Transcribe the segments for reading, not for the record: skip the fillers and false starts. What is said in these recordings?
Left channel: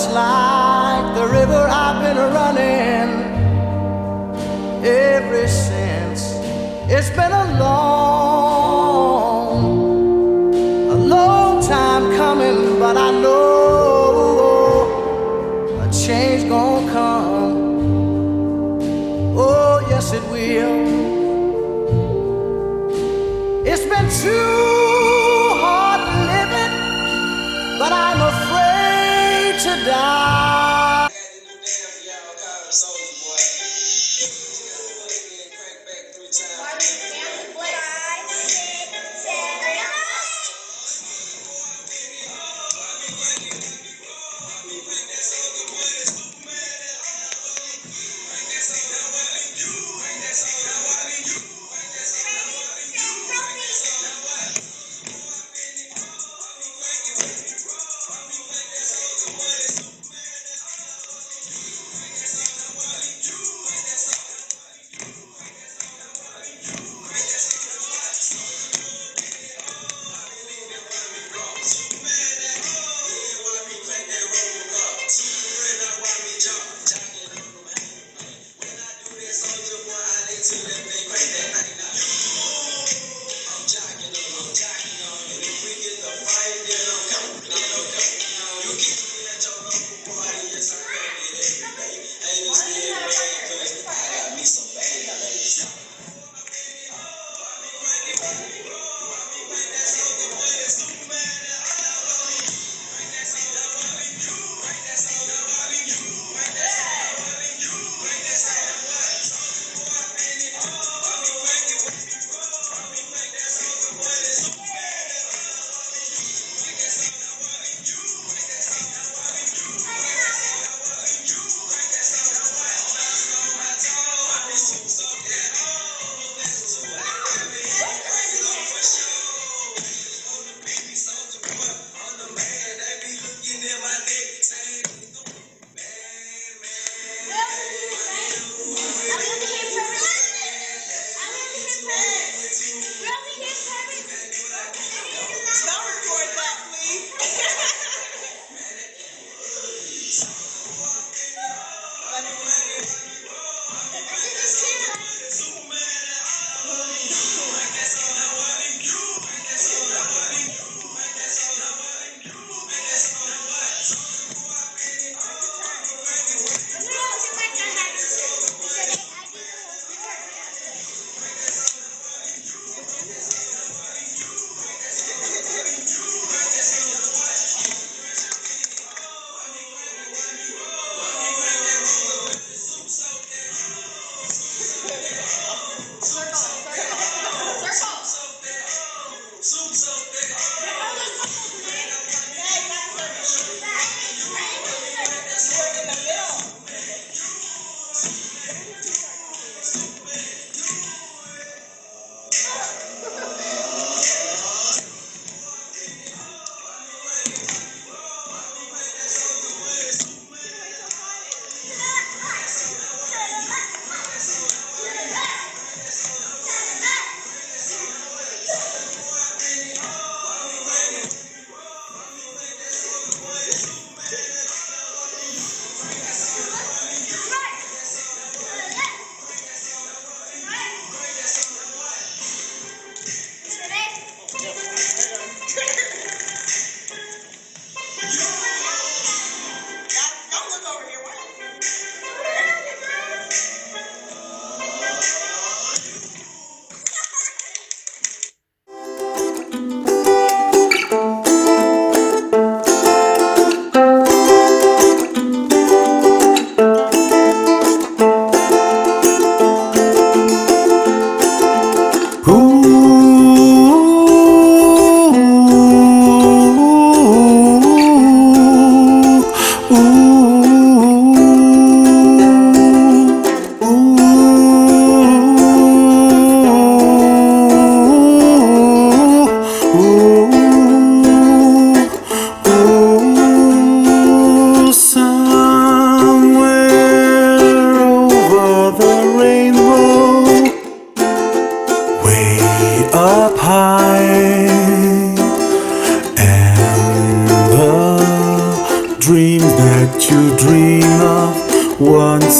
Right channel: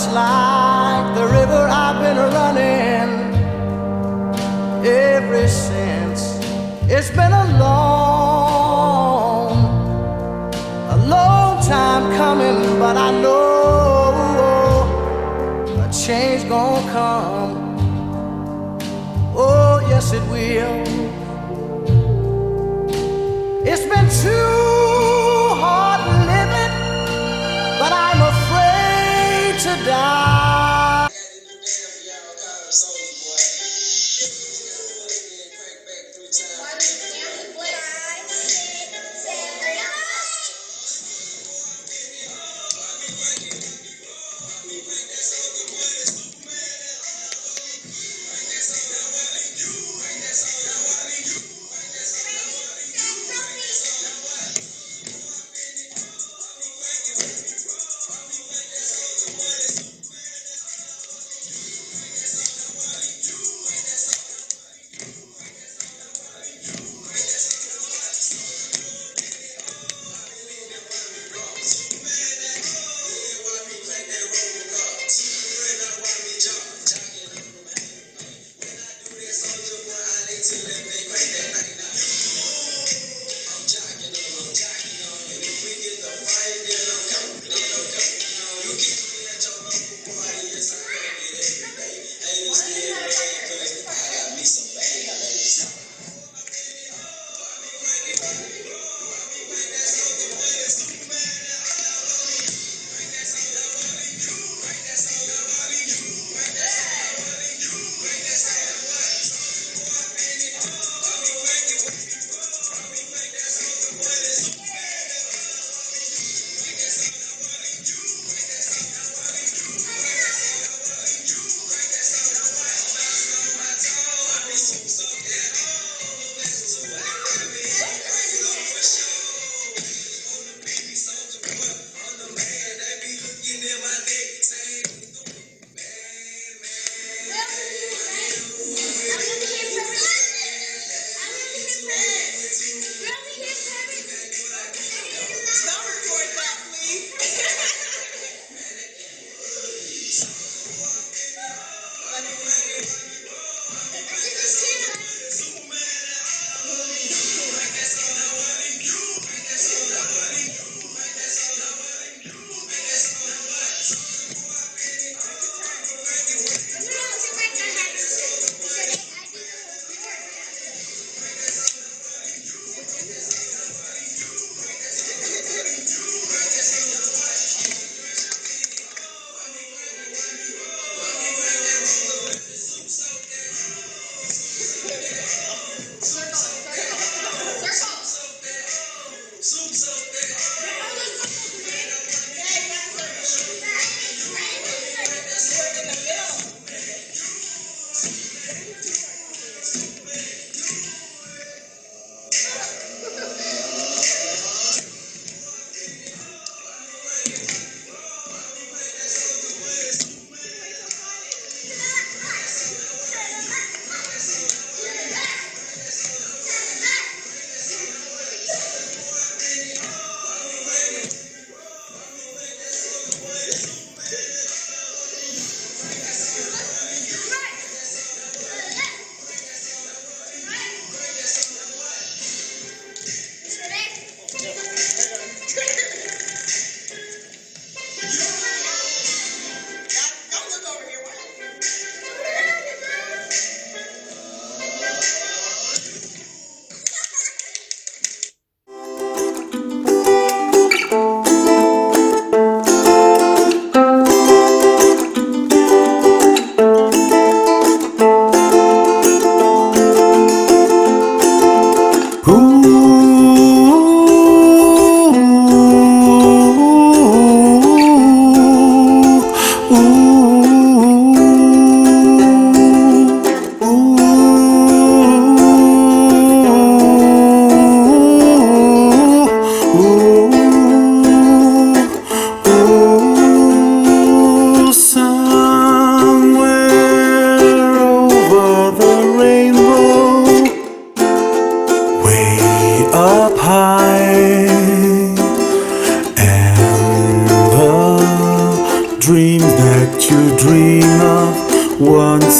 just like the river I've been running ever since. It's been a long time coming, but I know a change gonna come. Oh, yes it will. It's been too hard living, but I'm afraid to die.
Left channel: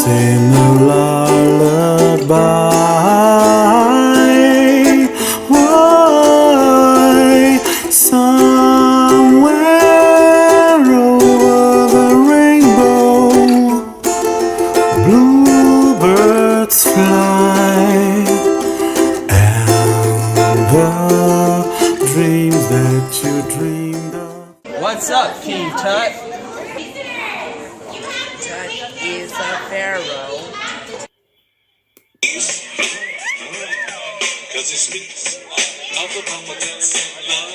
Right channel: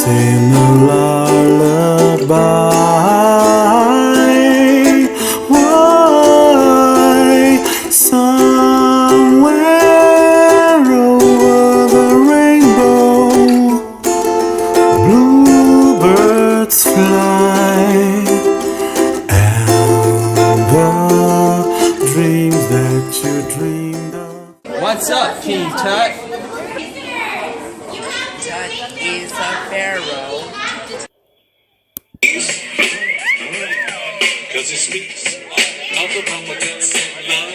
sing a lullaby. Why, somewhere over the rainbow, bluebirds fly, and the dreams that you dreamed of. What's up, King Tut? Tut is a pharaoh. Cause it speaks of the confidence and love.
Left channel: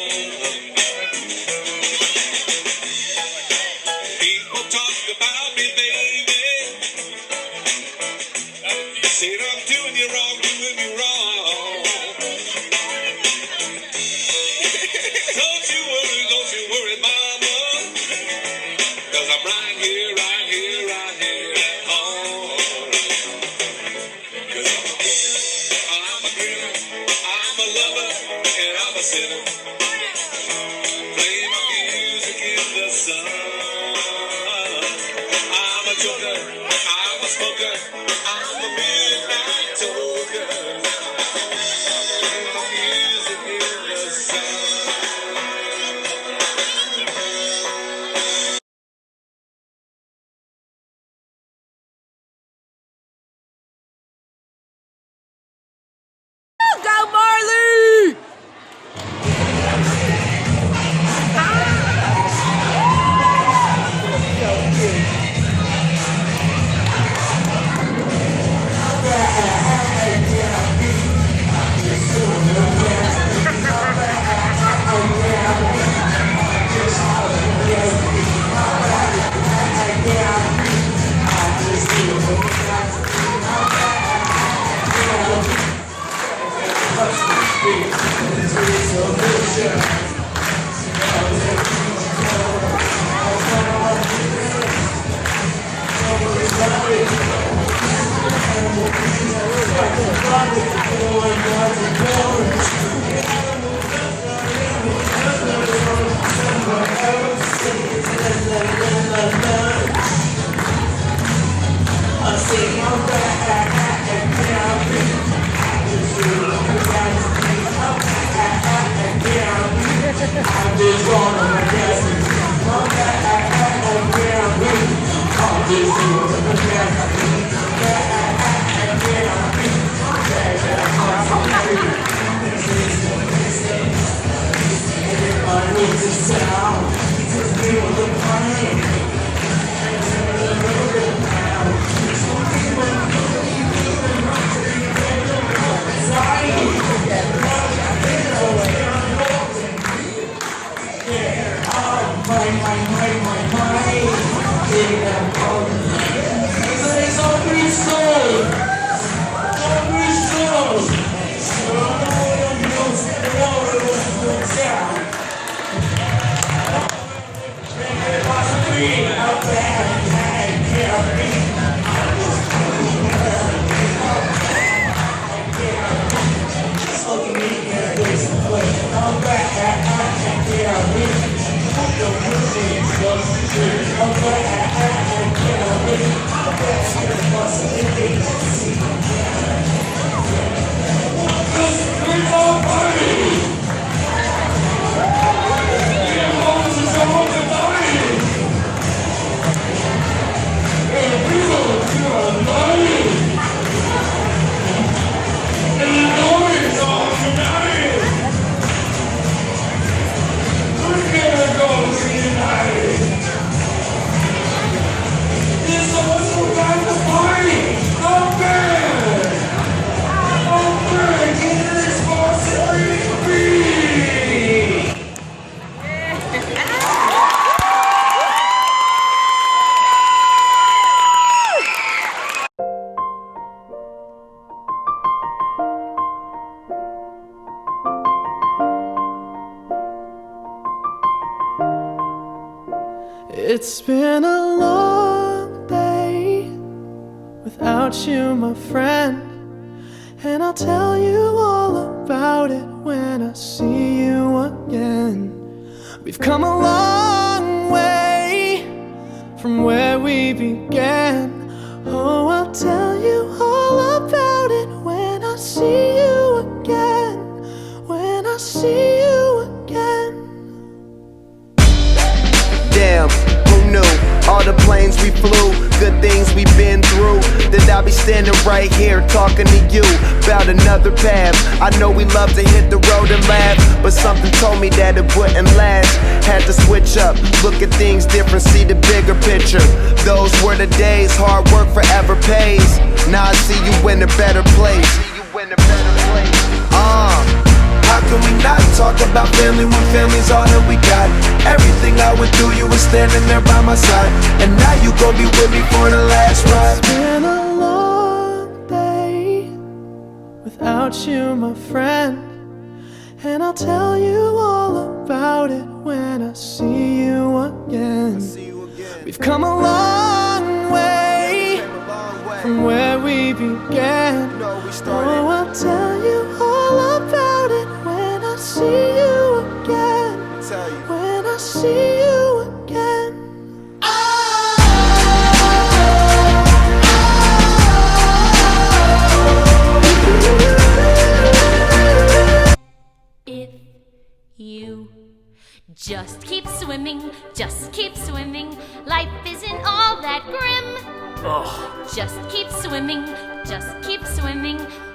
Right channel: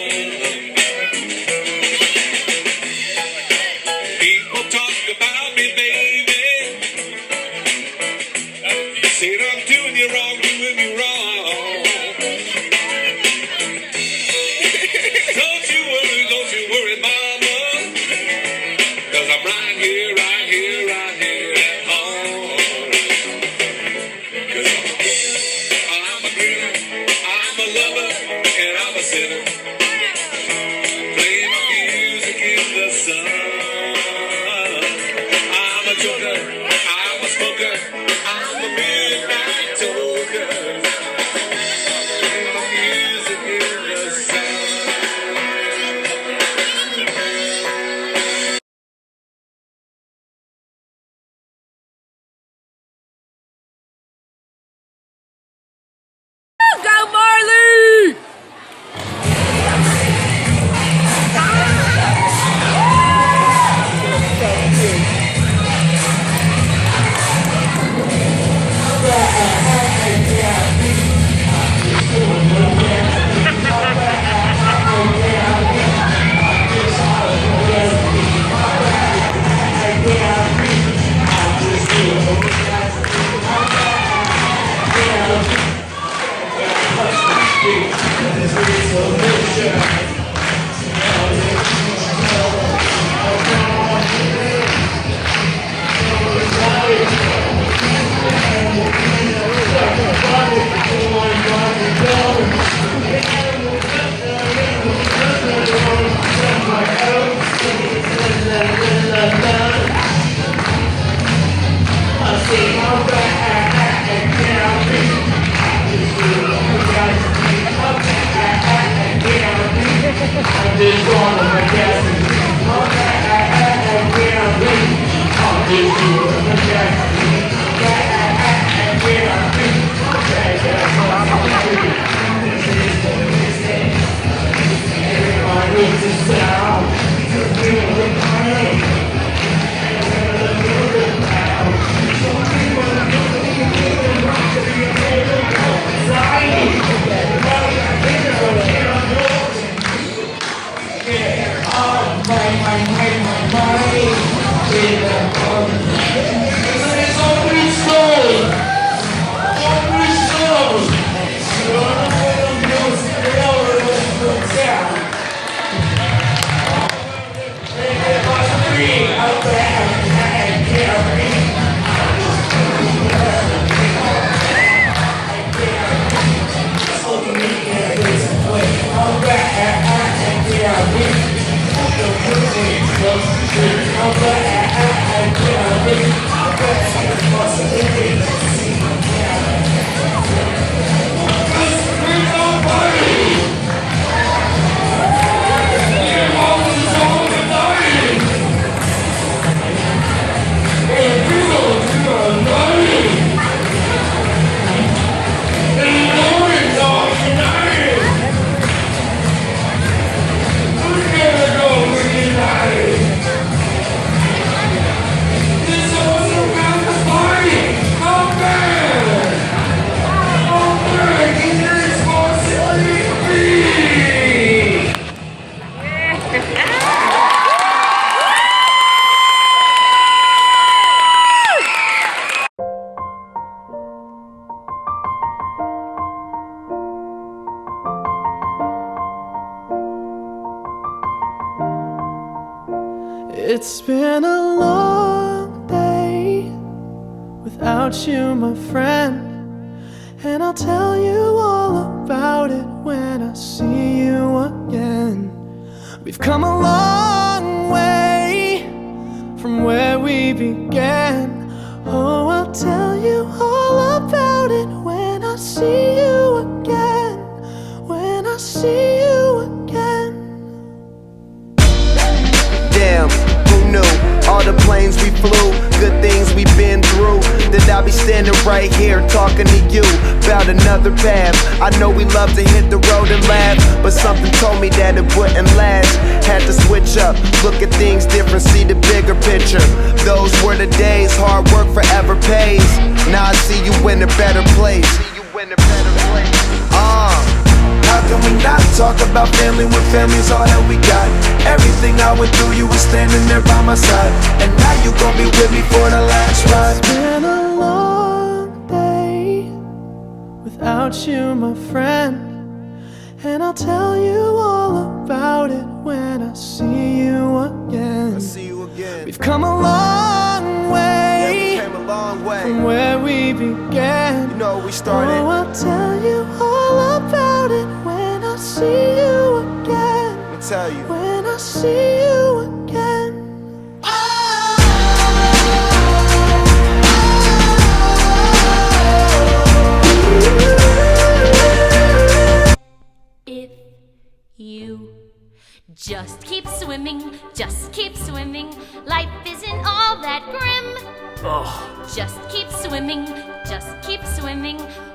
People talk about me, baby. Say that I'm doing you wrong, doing you wrong. Don't you worry, mama. Cause I'm right here at home. Cause I'm a girl, I'm a lover, and I'm a sinner. Playing music in the sun. I'm a joker, I'm a smoker, I'm a midnight toker. Playing music in the sun. Go Marley! It's been a long day without you, my friend, and I'll tell you all about it when I see you again. We've come a long way from where we began. Oh, I'll tell you all about it when I see you again. When I see you again. Damn, who knew? All the planes we flew, good things we've been through. That I'll be standing right here talking to you about another path. I know we love to hit the road and laugh, but something told me that it wouldn't last. Had to switch up, look at things different, see the bigger picture. Those were the days, hard work forever pays. Now I see you in a better place. How can we not talk about family when family's all that we got? Everything I went through, you were standing there by my side, and now you gon' be with me for the last ride. It's been a long day without you, my friend, and I'll tell you all about it when I see you again. We've come a long way, from where we began. You know, we started. Oh, I'll tell you all about it when I see you again. Let me tell you. When I see you again. If you just keep swimming, life isn't all that grim. Just keep swimming,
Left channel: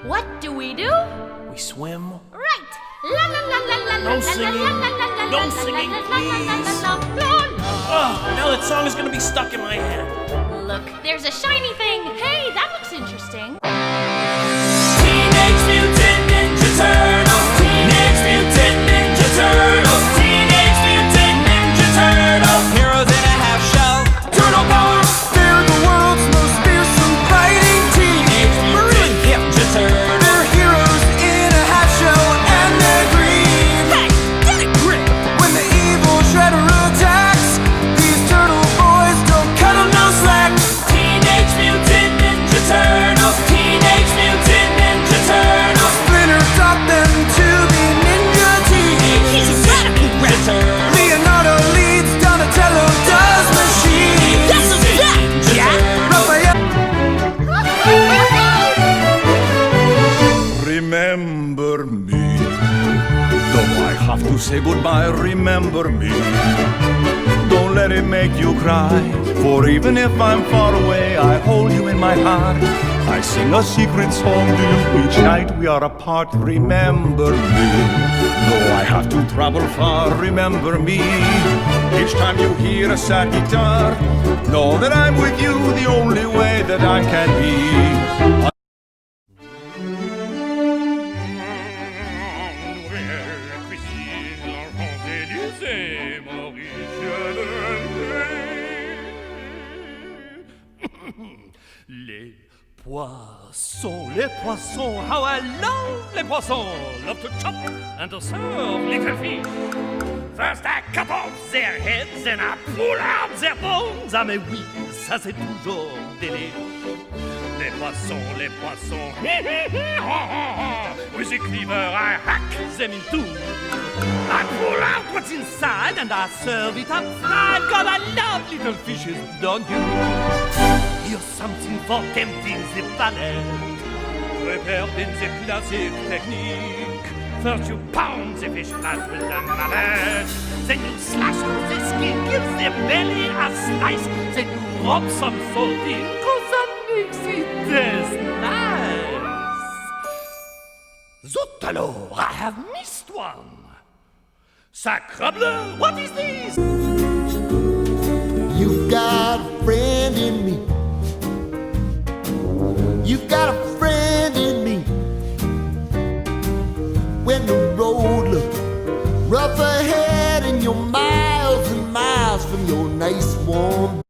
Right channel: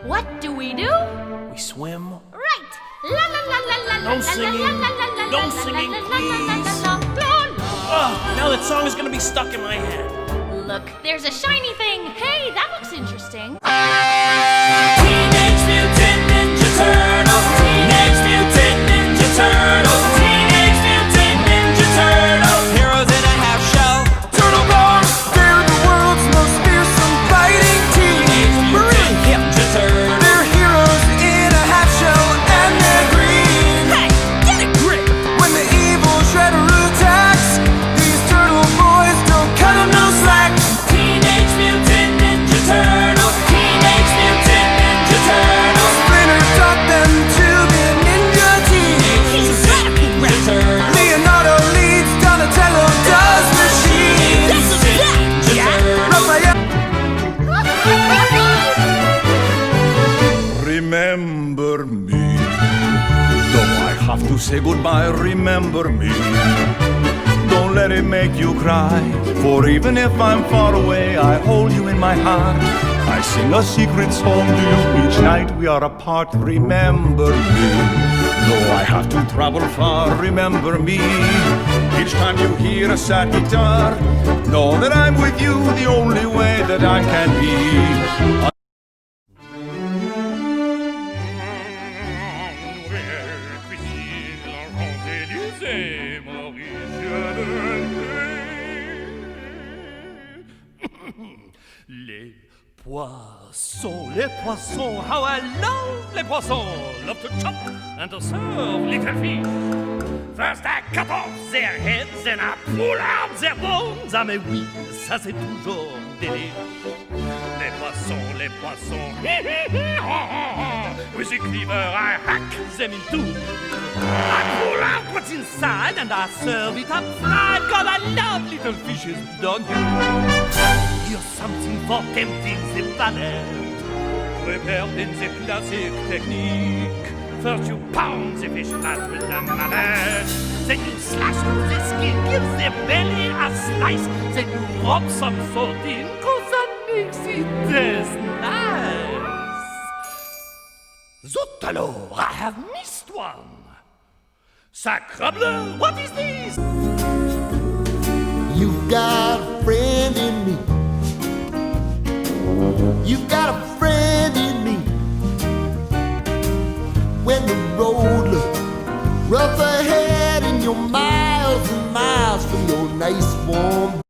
what do? We swim. Right! La la la la la la. No singing. No singing, please. Now that song is gonna be stuck in my head. Look, there's a shiny thing. Hey, that looks interesting. Teenage Mutant Ninja Turtles. Teenage Mutant Ninja Turtles. Teenage Mutant Ninja Turtles. Heroes in a half shell. Turtle power. They're the world's most fearsome fighting team. Mutant Ninja Turtles. They're heroes in a half shell and they're green. Hey, get a grip. When the evil Shredder attacks, these turtle boys don't cut 'em no slack. Teenage Mutant Ninja Turtles. Teenage Mutant Ninja Turtles. Splinter taught them to be ninja teens. He's a radical raptor. Leonardo leads, Donatello does machines. That's a fact. Raphael. Remember me. Though I have to say goodbye, remember me. Don't let it make you cry. For even if I'm far away, I hold you in my heart. I sing a secret song to you each night we are apart. Remember me. Though I have to travel far, remember me. Each time you hear a sad guitar, know that I'm with you the only way that I can be. Les poissons, how I love les poissons. Love to chop and to serve little fish. First I cut off their heads and I pull out their bones. Ah mais oui, ça c'est toujours délire. Les poissons, with a cleaver I hack them in two. I pull out what's inside and I serve it up fried. God, I love little fishes, don't you? Here's something for tempting the palate. Prepared in the classic technique. First you pound the fish flat with a mallet. Then you slash through the skin, give the belly a slice. Then you rub some salt in, cause that makes it taste nice. Zut alors, I have missed one. Sacrebleu, what is this? You've got a friend in me. You've got a friend in me. When the road looks rough ahead and you're miles and miles from your nice warm.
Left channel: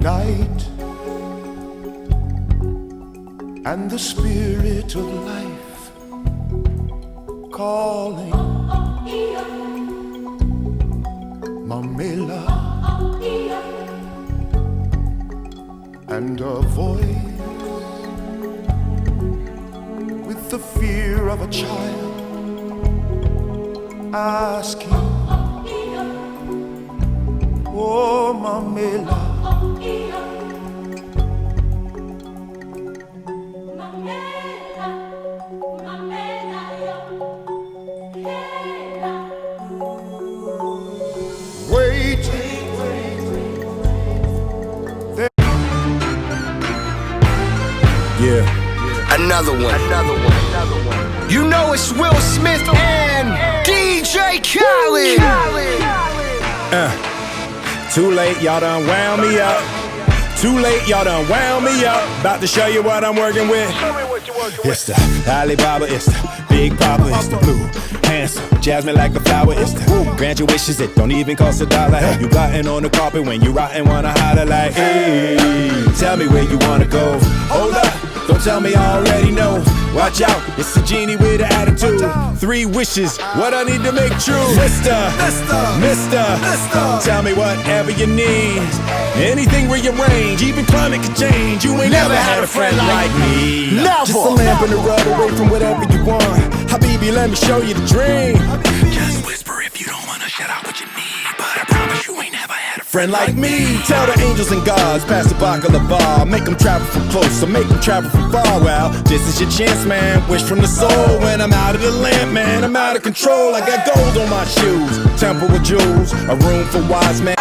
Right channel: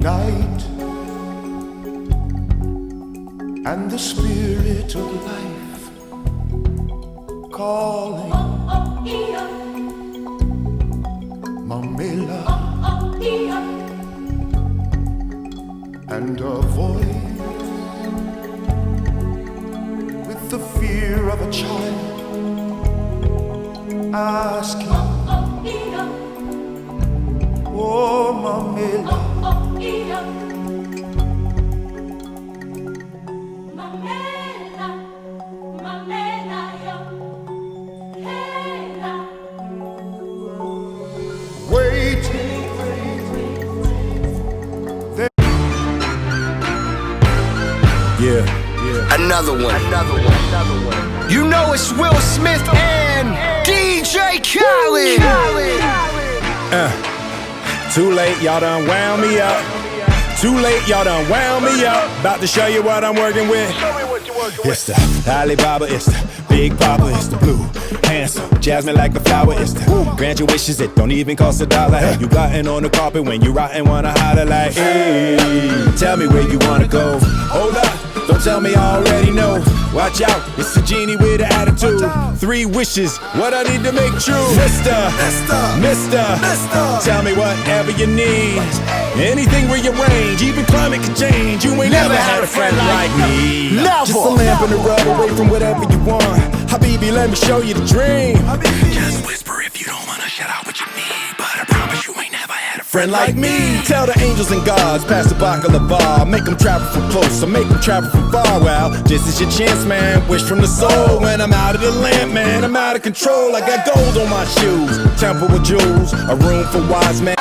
Night and the spirit of life calling Mamela. and a voice with the fear of a child asking, oh Mamela, waiting. Yeah. Another one. You know it's Will Smith and DJ Khaled. Too late, y'all done wound me up. Too late, y'all done wound me up. About to show you what I'm working with. It's the Alibaba, it's the Big Papa, it's the blue, handsome, jasmine like a flower. It's the grant your wishes, it don't even cost $1. Have you gotten on the carpet when you rotten, wanna holler like, hey, tell me where you wanna go. Hold up, don't tell me I already know. Watch out, it's a genie with an attitude. 3 wishes, what I need to make true. Mister, tell me whatever you need. Anything rearrange, even climate can change. You ain't never had a friend like me. Never. Just a lamp in the rub away from whatever you want. Habibi, let me show you the dream. Just whisper if you don't wanna shout out what you need. But I promise you ain't never had a friend like me. Tell the angels and gods, pass the baklava. Make them travel from close, or make them travel from far. Well, this is your chance, man. Wish from the soul. When I'm out of the lamp, man, I'm out of control. I got gold on my shoes, temple with jewels, a room for wise men.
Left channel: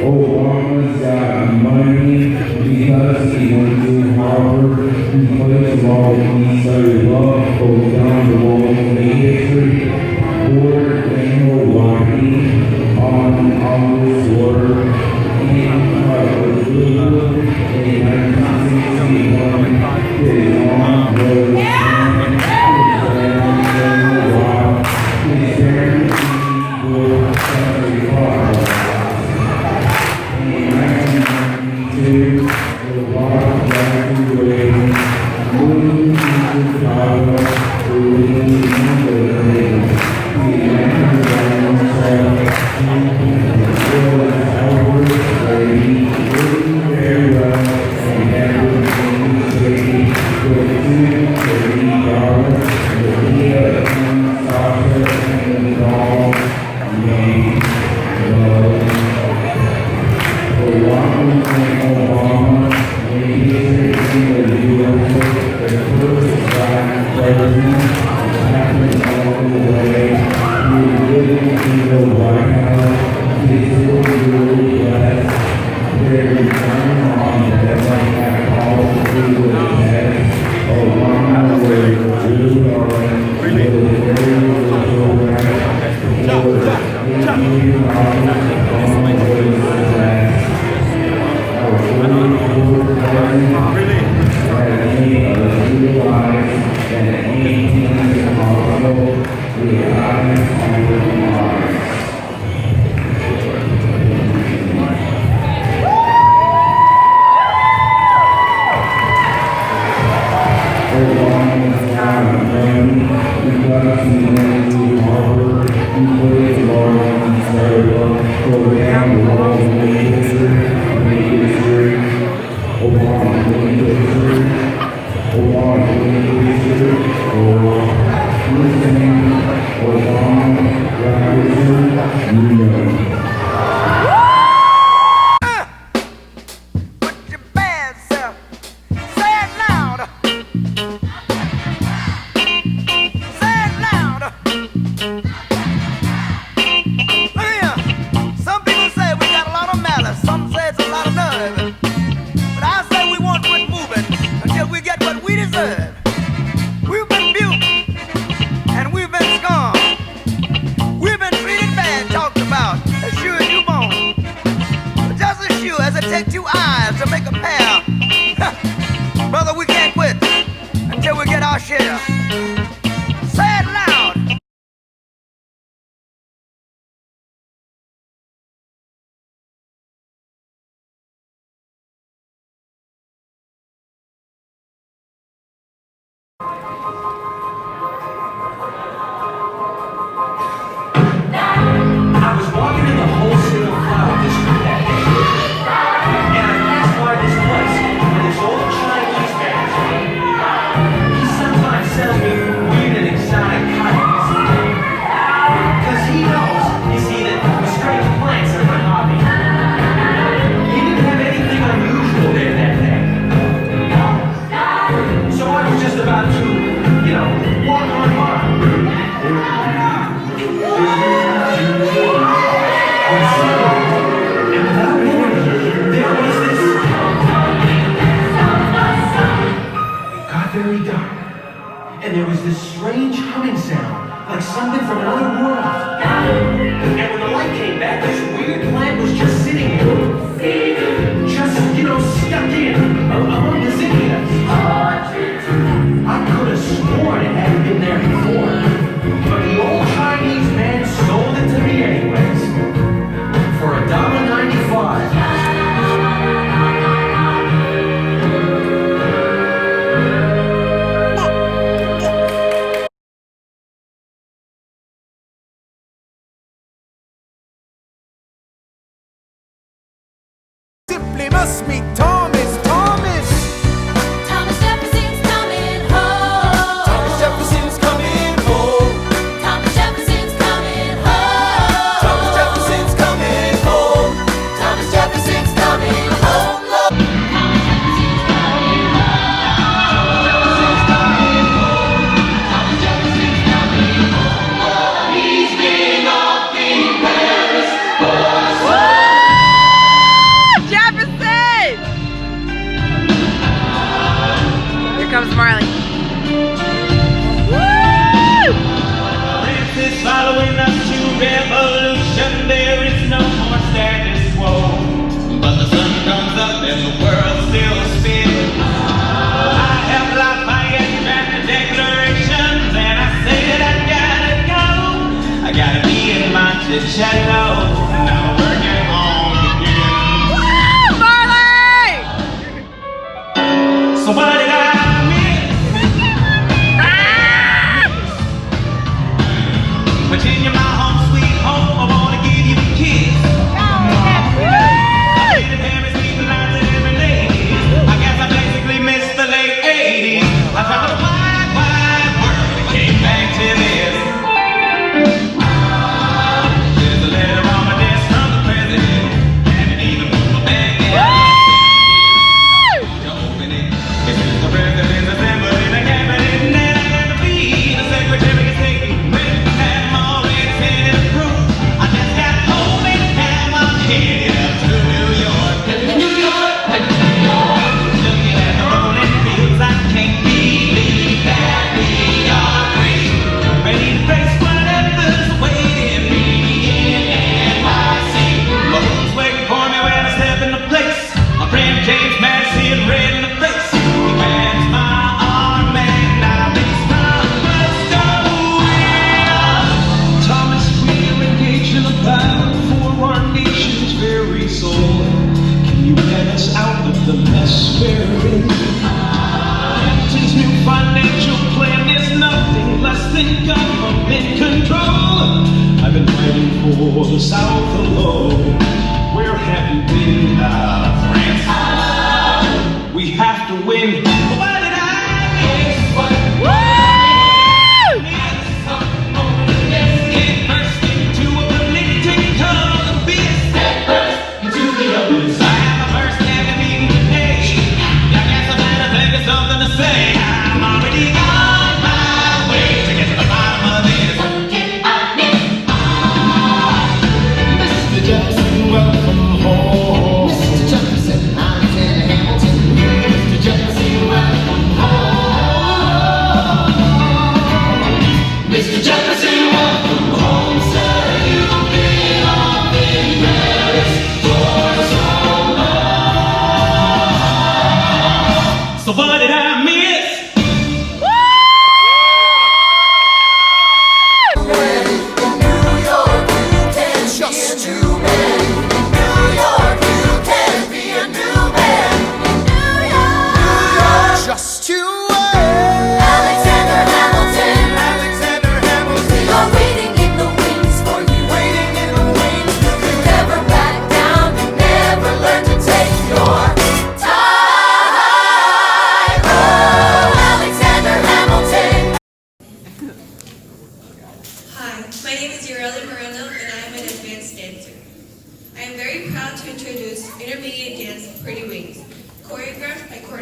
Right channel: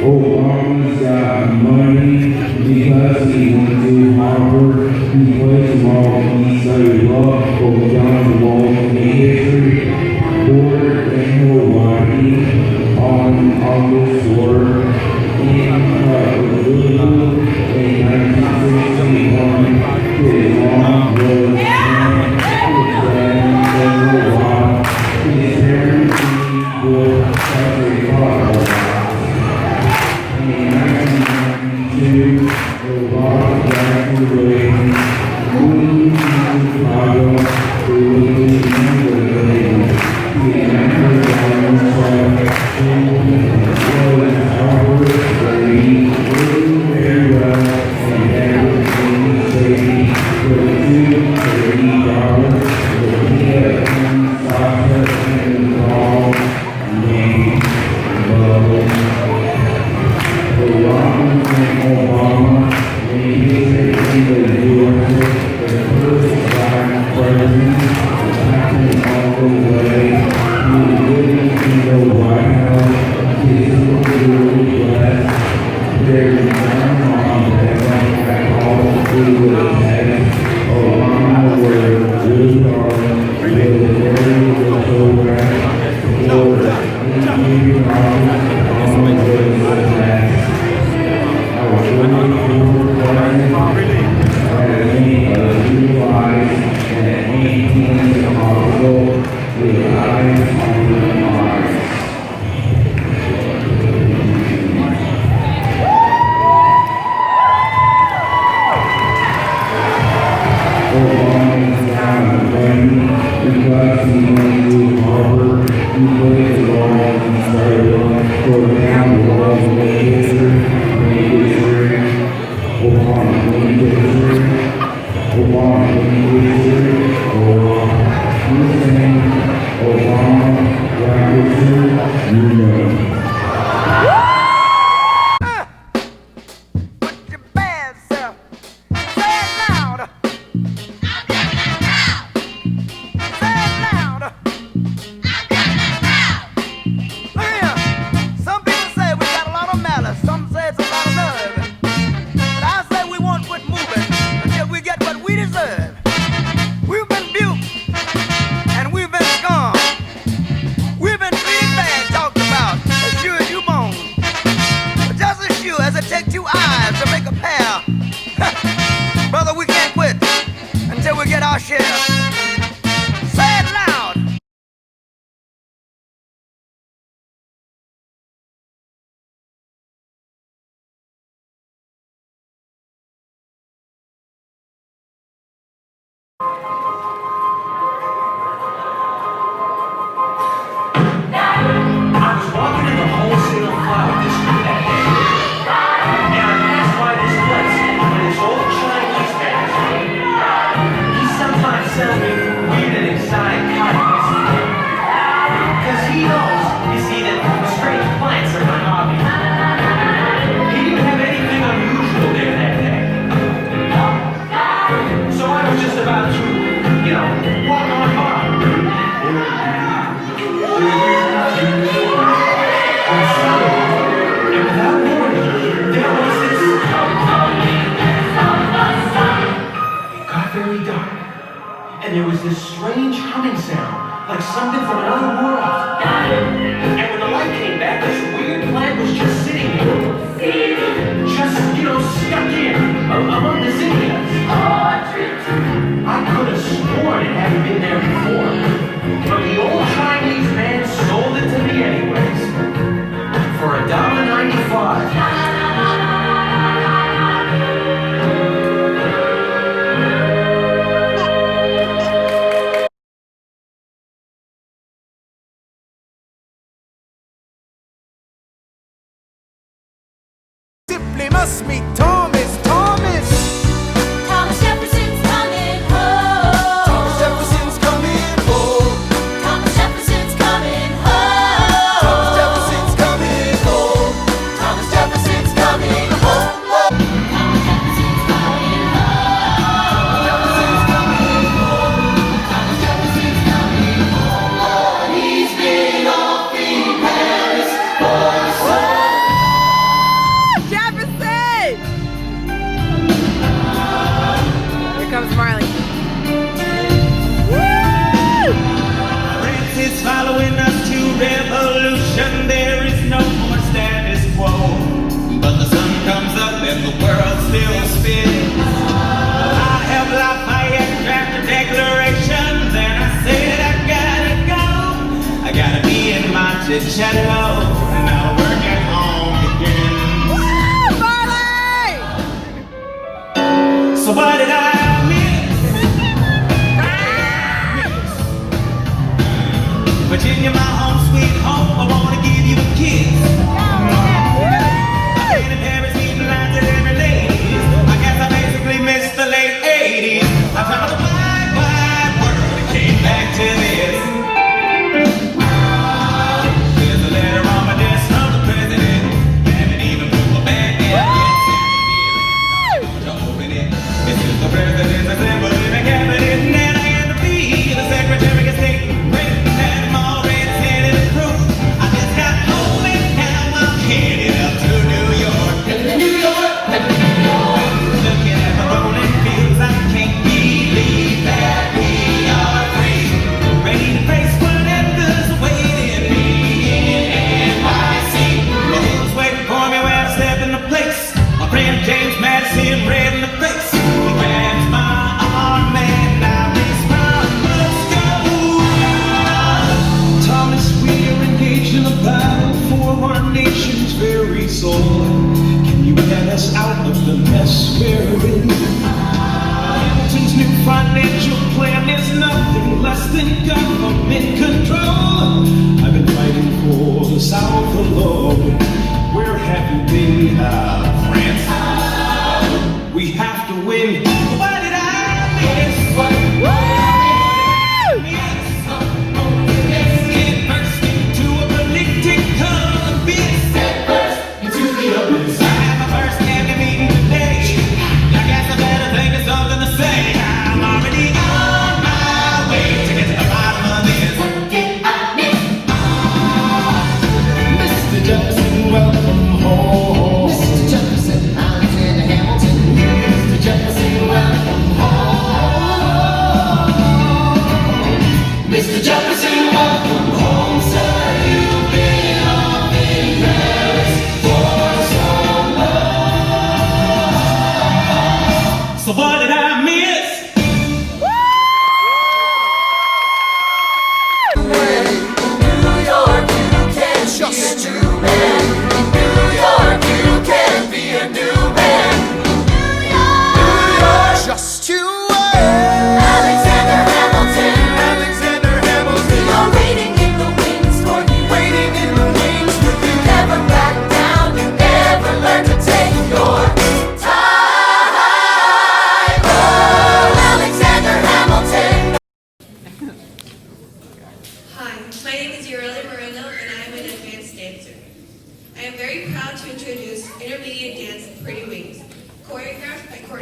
Obama's got money because he went to Harvard. He plays ball, he studied law, goes down the wall in history. Poorer than nobody on this world. In Honolulu in 1961, his mom was his parents were country fathers. Does it take two eyes to make a pair? Brother, we can't quit until we get our share. Say it loud. I was walking in the wholesale flower district that day, and I passed by this place with this old Chinese man. He sometimes sells me weird and exotic kinds. Because he knows, you see, that strange plants are my hobby. He didn't have anything unusual there that day. So I was just about to, walk on by. And without warning, there was this. It got very dark, and there was this strange humming sound, like something from another world. And when the light came back, this weird plant was just sitting there, just, stuck in among the zinnias. I could have sworn it hadn't been there before, but the old Chinese man sold it to me anyways. For $1.95. Simply must meet Thomas. Thomas Jefferson's coming home. Thomas Jefferson's coming home. Thomas Jefferson's coming home. Thomas Jefferson's coming home. Thomas Jefferson's coming home. He's been off in Paris Jefferson!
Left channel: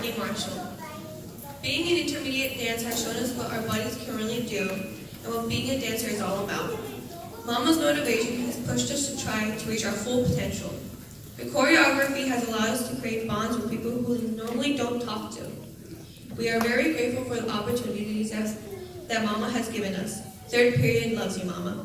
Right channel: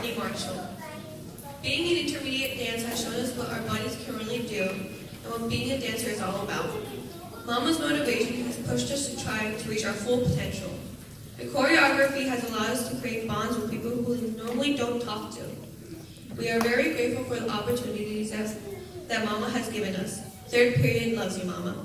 Melody Marshall. Being an intermediate dance has shown us what our bodies can really do and what being a dancer is all about. Mama's motivation has pushed us to try to reach our full potential. The choreography has allowed us to create bonds with people who we normally don't talk to. We are very grateful for the opportunities that Mama has given us. Third period loves you, Mama.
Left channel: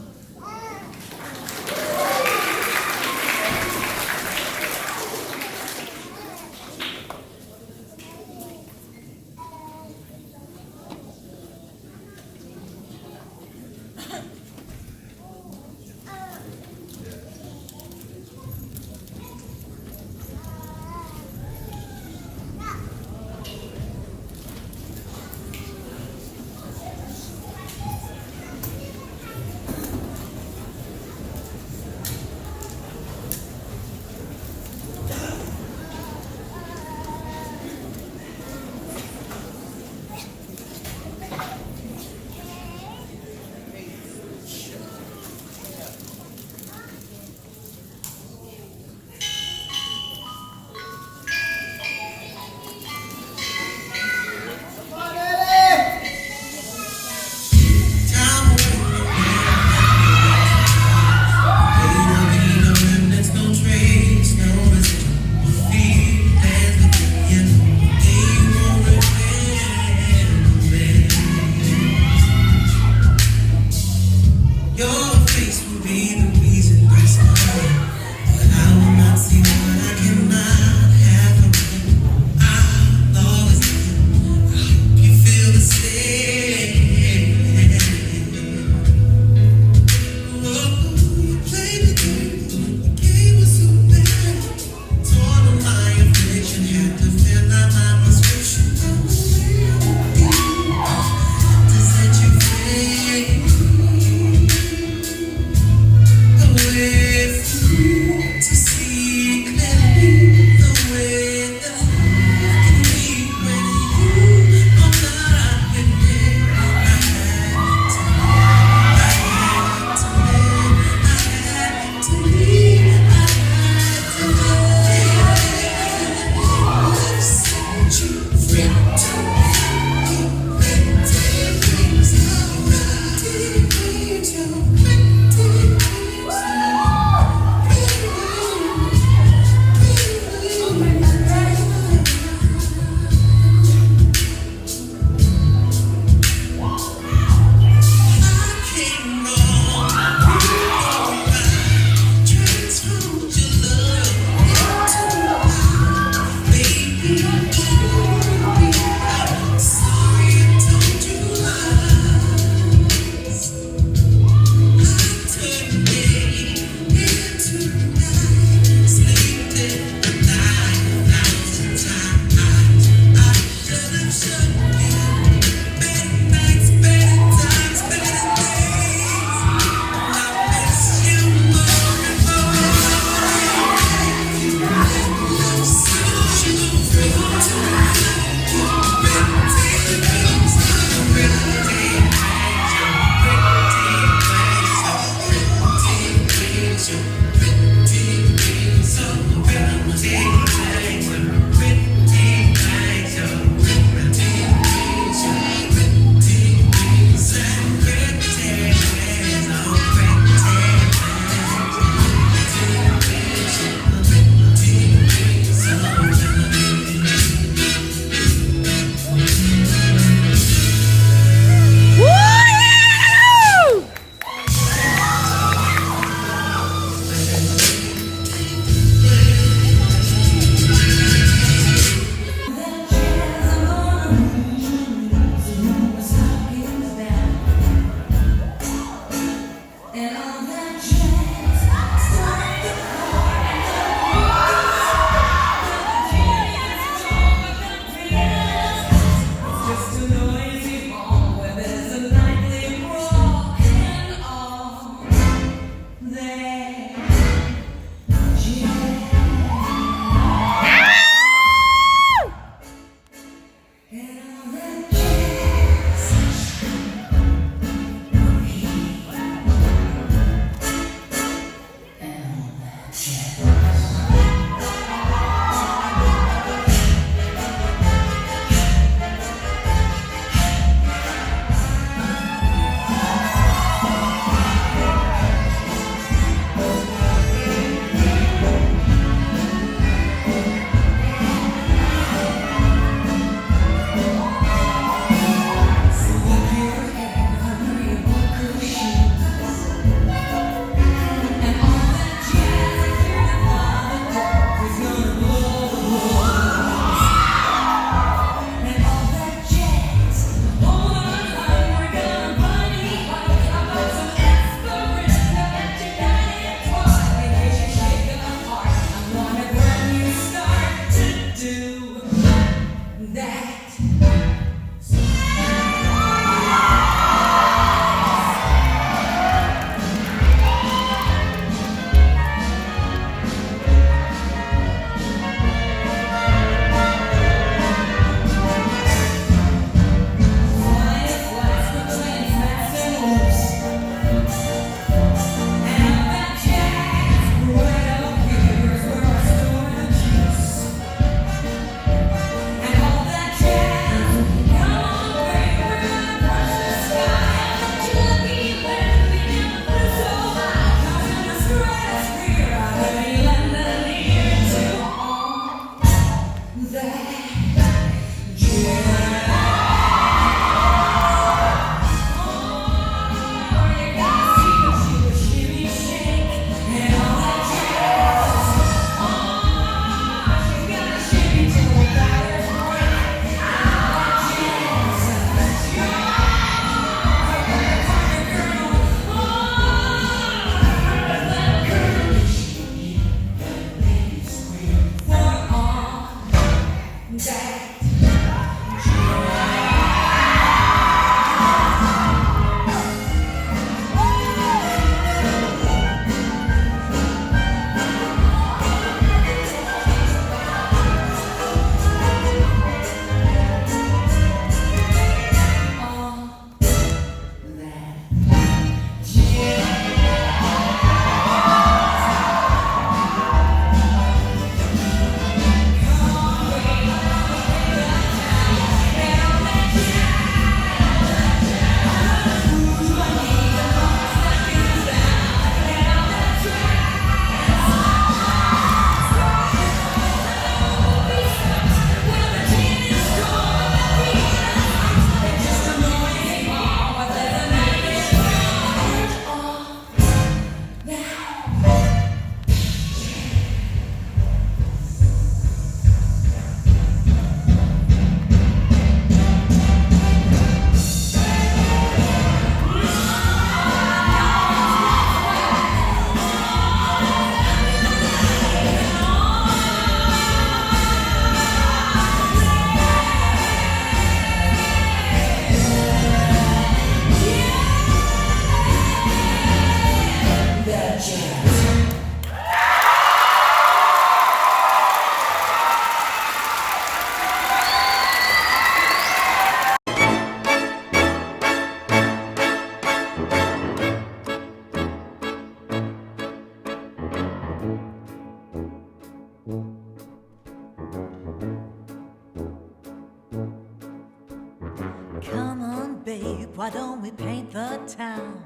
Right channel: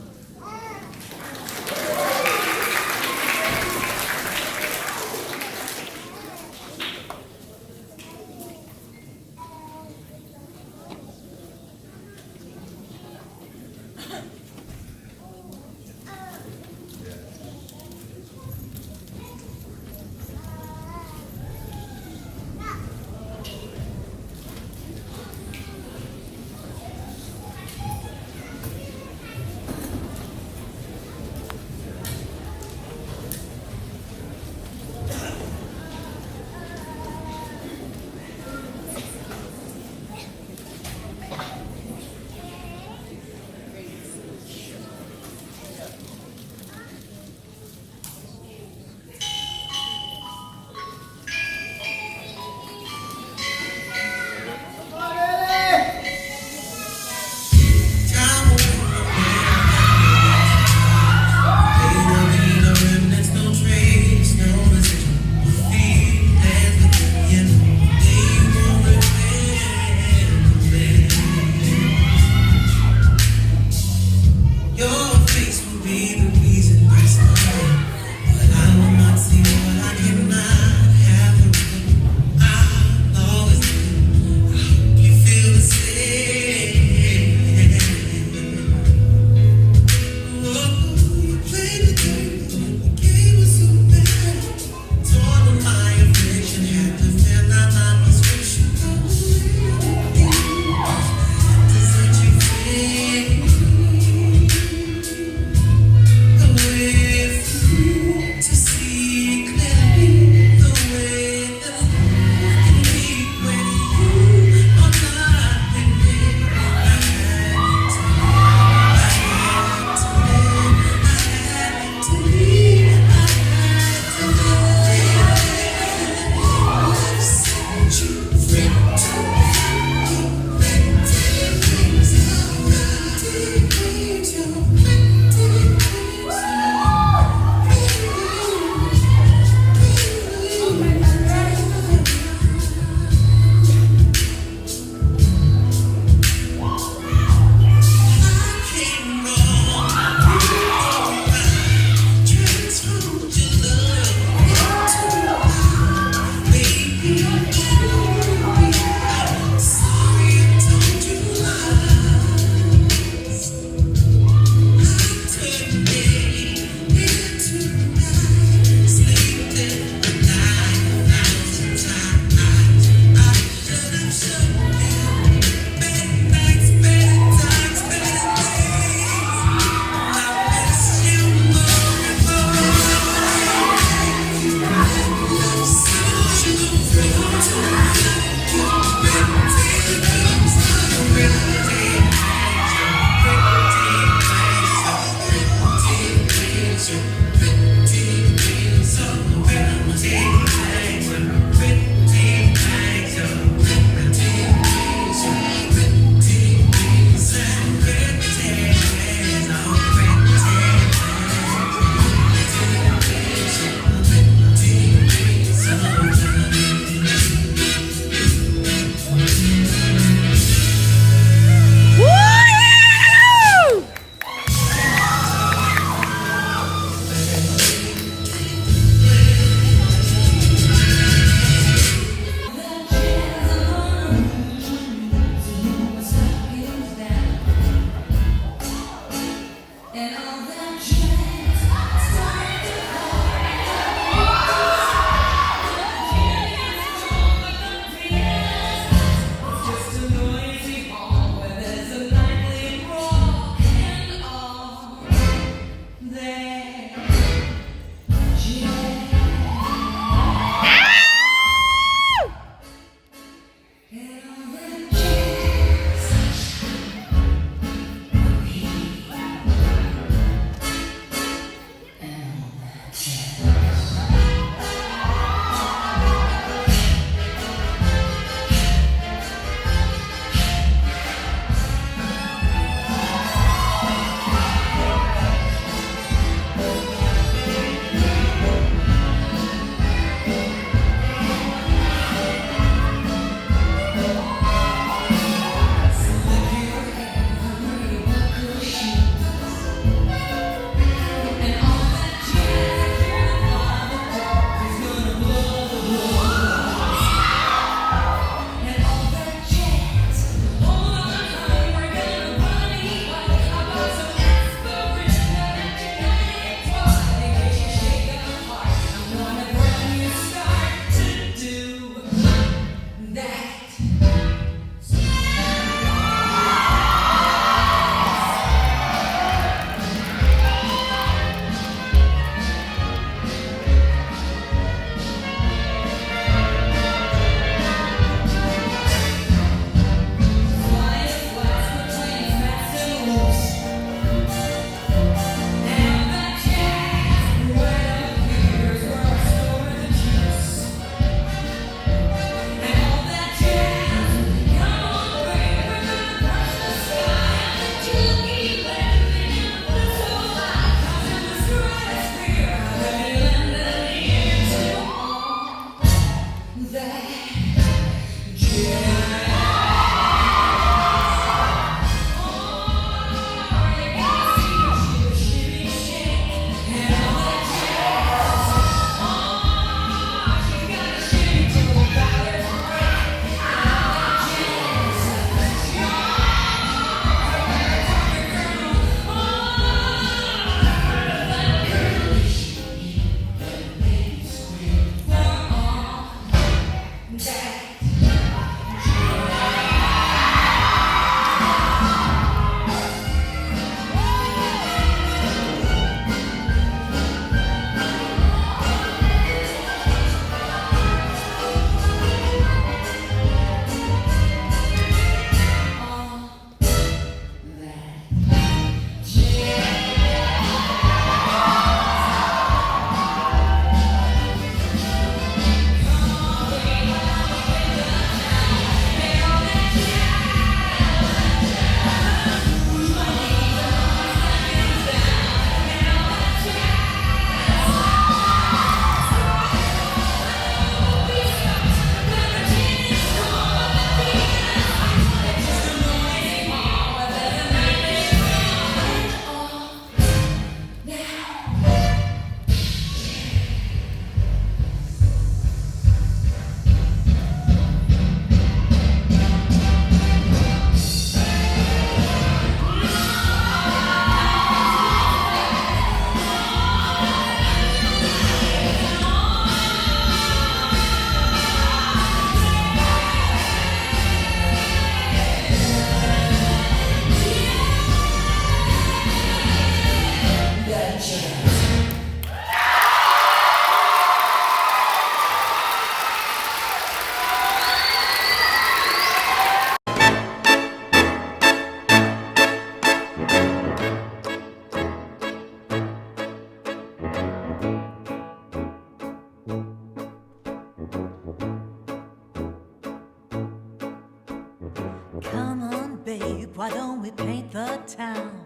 Come on, babe, why don't we paint the town?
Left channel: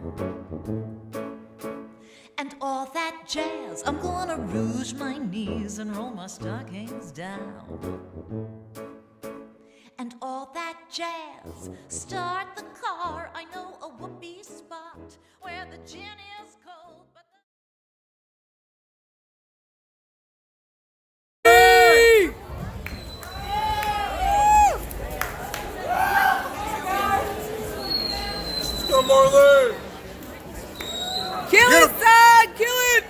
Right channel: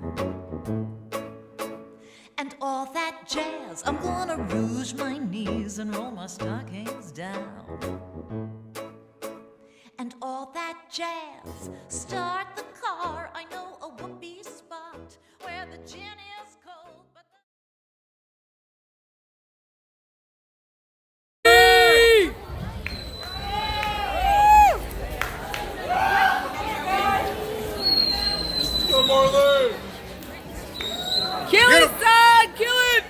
And all that jazz, I'm gonna rouge my knees and roll my stockings down. And all that jazz, start the car, I know a whoopee spot where the gin is cold, but Come on there! Kill it, son! Kill it!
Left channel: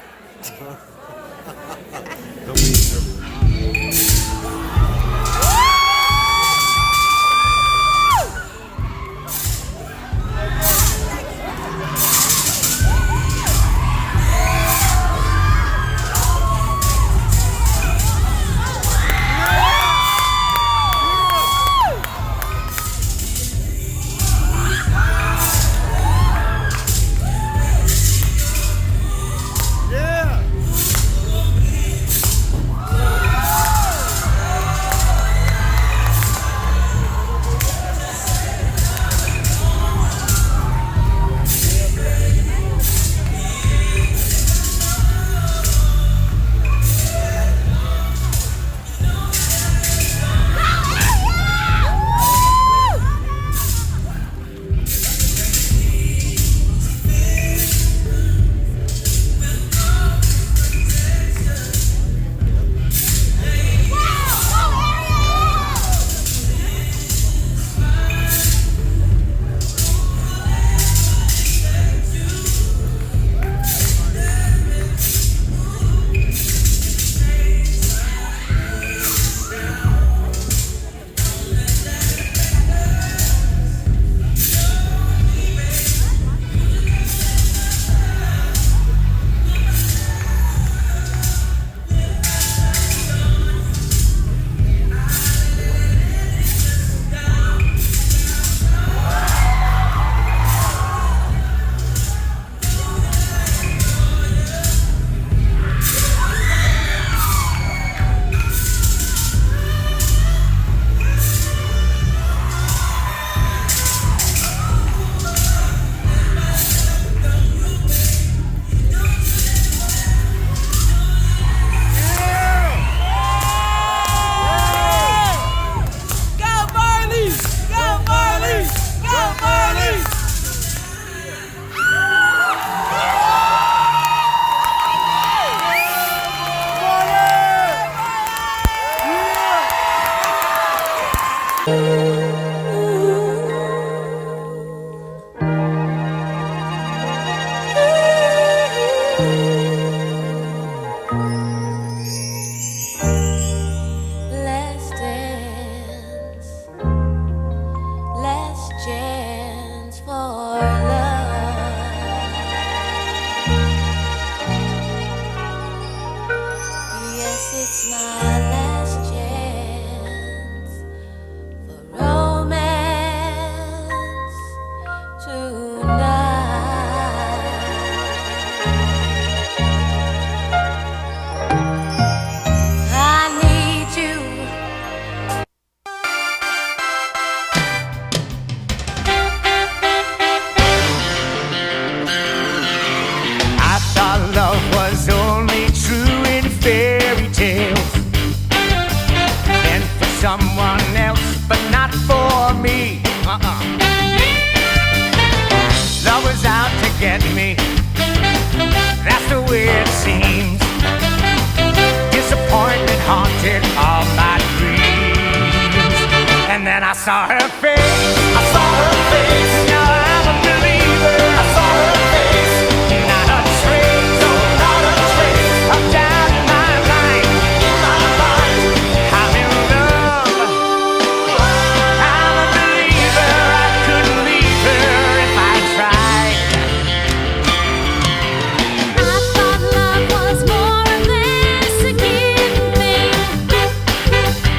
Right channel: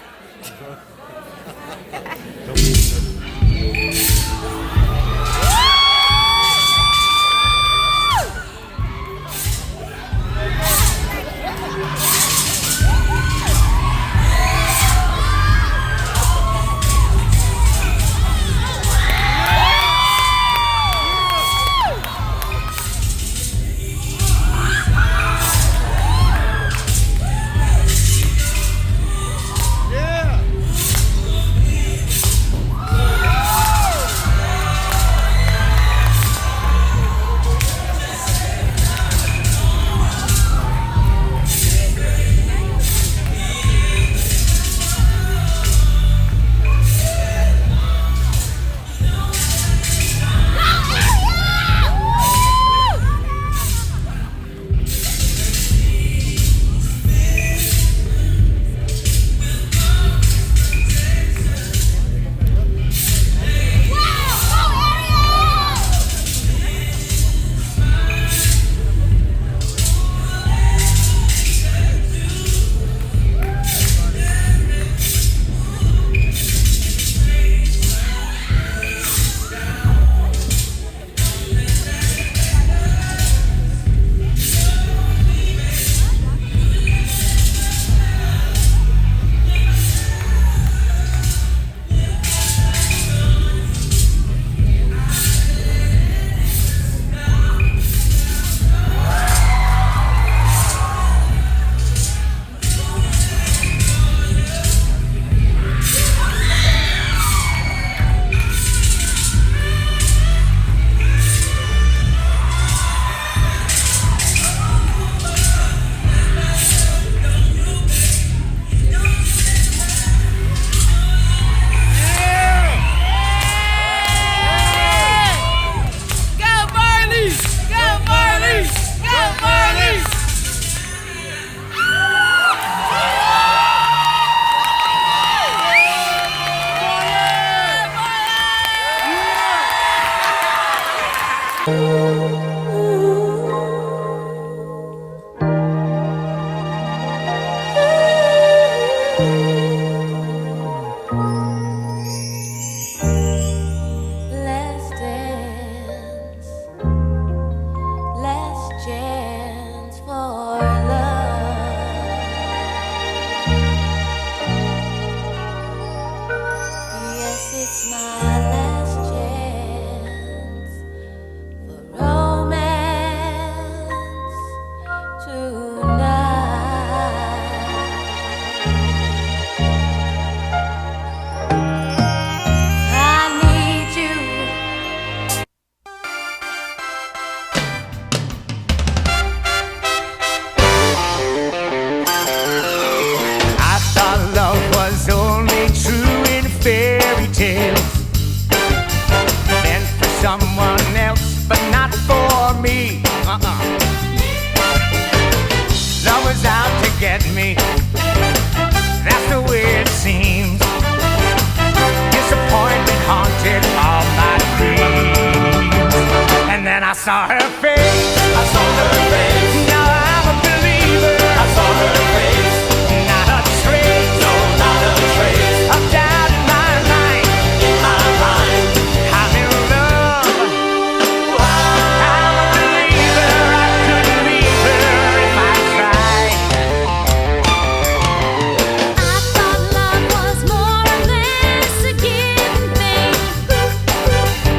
Let's dance, let's chance for love. Yes, it's my last chance for romance tonight. I need you. I thought love was only true in fairy tales, meant for someone else, but not for me. Love was out to get me, that's the way it seems. Disappointment haunted all my dreams. And then I saw her face, I saw her face. Now I'm a believer, I saw her face. Not a trace, no, not a trace of doubt in my mind, in my mind. I'm in love, I'm a believer. I couldn't leave her if I tried. I thought love was more of this a given thing,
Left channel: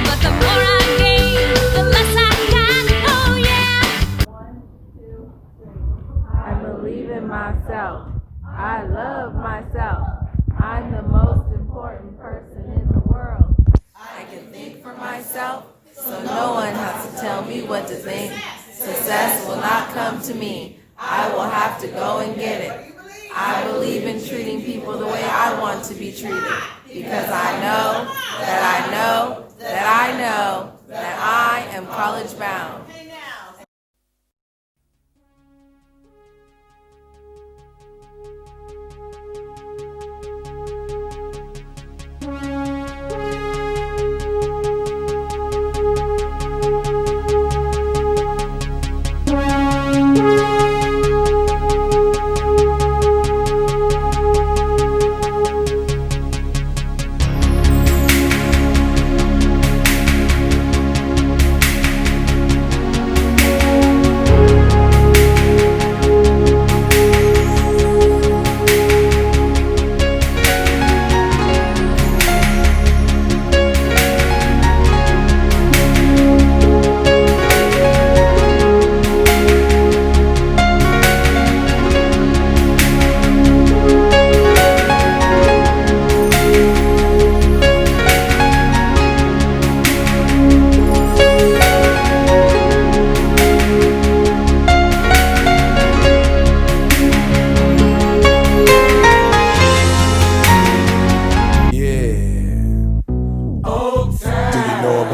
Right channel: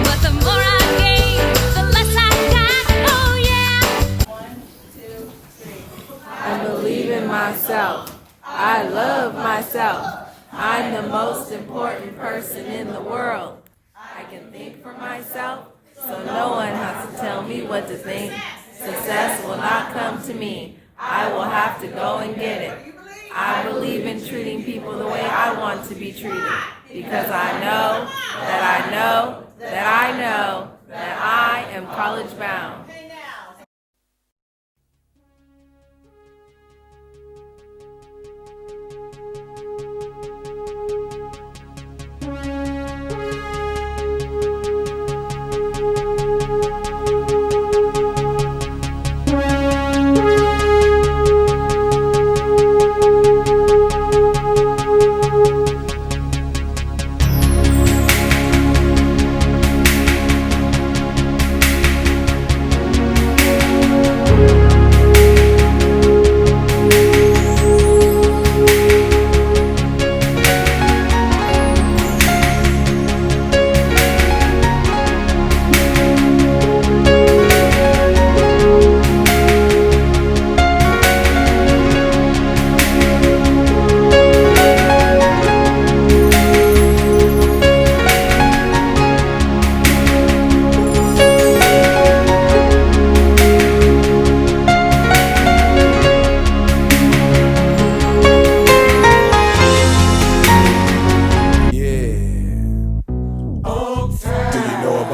but the more I gave, the less I got. Oh yeah. I believe in myself. I love myself. I'm the most important person in the world. I can think for myself, so no one has to tell me what to think. Success will not come to me. I will have to go and get it. I believe in treating people the way I want to be treated, because I know that I know that I know that I am college bound.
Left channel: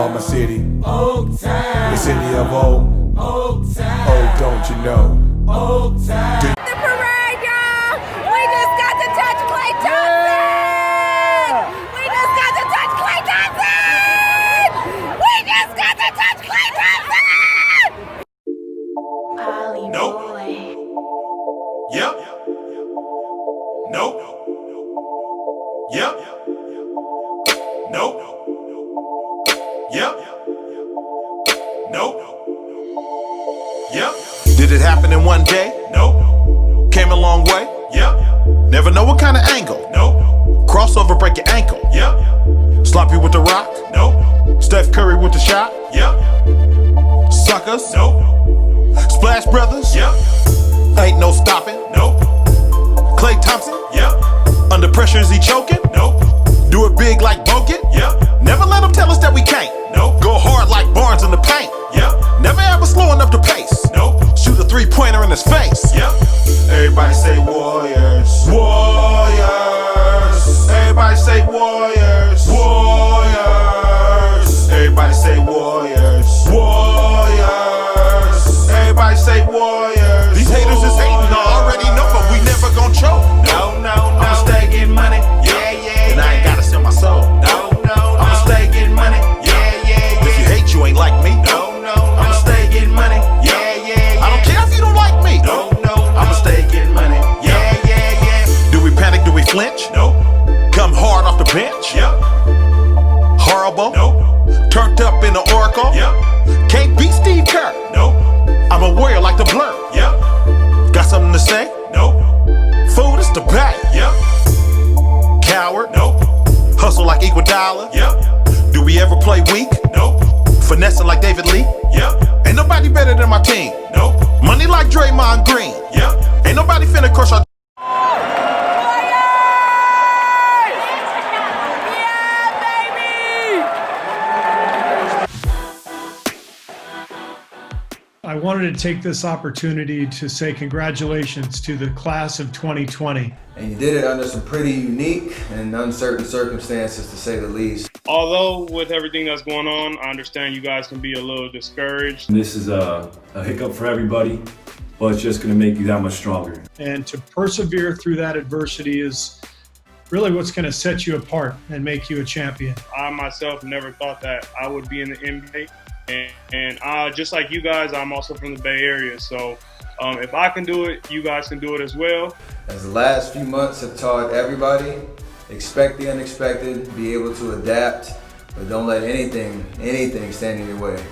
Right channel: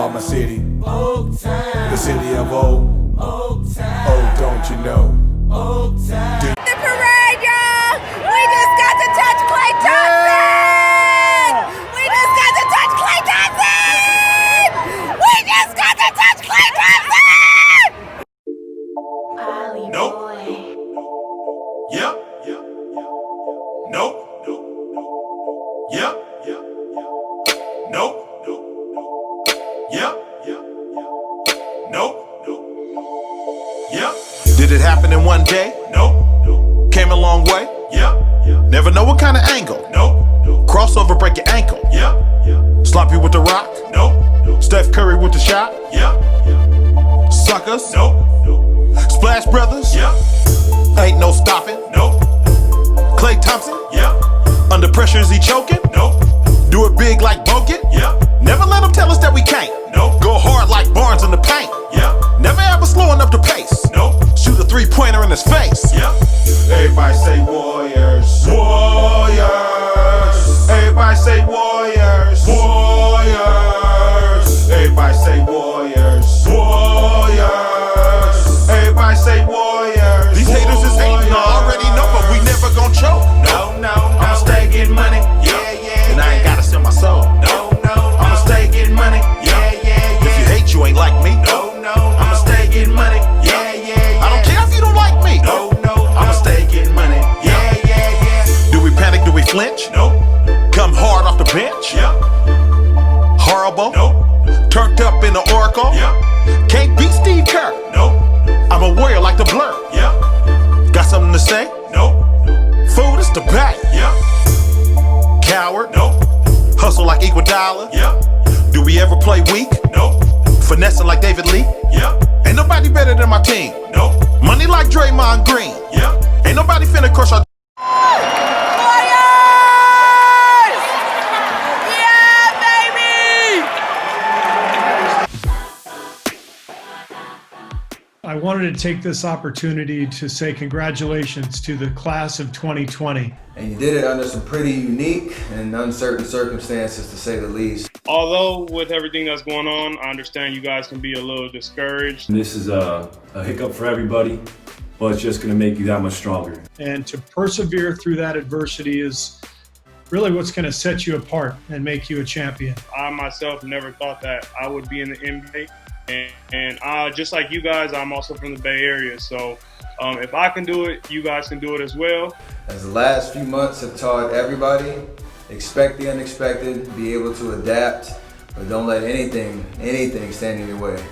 about my city, the city of old. Oh, don't you know? The parade, y'all! We just got to touch Clay Thompson! We just got to touch Clay Thompson! We just got to touch Clay Thompson! Nope. Yep. Nope. Yep. Nope. Yep. Nope. Yep. Did it happen in one day? Nope. Came a long way? Yep. Never know what kind of angle? Nope. Crossover, break your ankle? Yep. Sloppy with the rock? Nope. Steph Curry with the shot? Yep. Suckers? Nope. Splash Brothers? Yep. Ain't no stopping? Nope. Klay Thompson? Yep. Under pressure, is he choking? Nope. Do it big like Bogut? Yep. Never let them tell us that we can't. Nope. Go hard like Barnes in the paint? Yep. Never ever slowing up the pace? Nope. Shoot a three-pointer in his face? Yep. Everybody say Warriors. Warriors. Everybody say Warriors. Warriors. Everybody say Warriors. Warriors. Everybody say Warriors. These haters is hating, I already know, but we never gon' choke. No, no, no. I'ma stay getting money. Yeah, yeah. And I ain't gotta sell my soul. No, no, no. I'ma stay getting money. Yeah. Turned up in the Oracle. Yep. Can't beat Steve Kerr. Nope. I'm a warrior like the Blur. Yep. Got something to say? Nope. Food is the bag. Yep. Coward. Nope. Hustle like Iguodala. Yep. Do we ever play weak? Nope. Finessing like David Lee. Yep. Ain't nobody better than my team. Nope. Money like Draymond Green. Yep. Ain't nobody finna crush our. I wanted to take this opportunity to say congratulations to the class of 2020. And you did it under some pretty unique and uncertain circumstances, to say the least. Although with everything that's going on, I understand you guys can be a little discouraged. This is a hiccup for everybody, but it's just going to make you that much stronger. And to persevere through that adversity is really what's going to set you apart and make you a champion. I myself never thought that I would be in the NBA. And just like you guys, I'm also from the Bay Area. So if I can do it, you guys can do it as well. As the last few months have taught everybody, expect the unexpected, be able to adapt, but don't let anything stand in your way.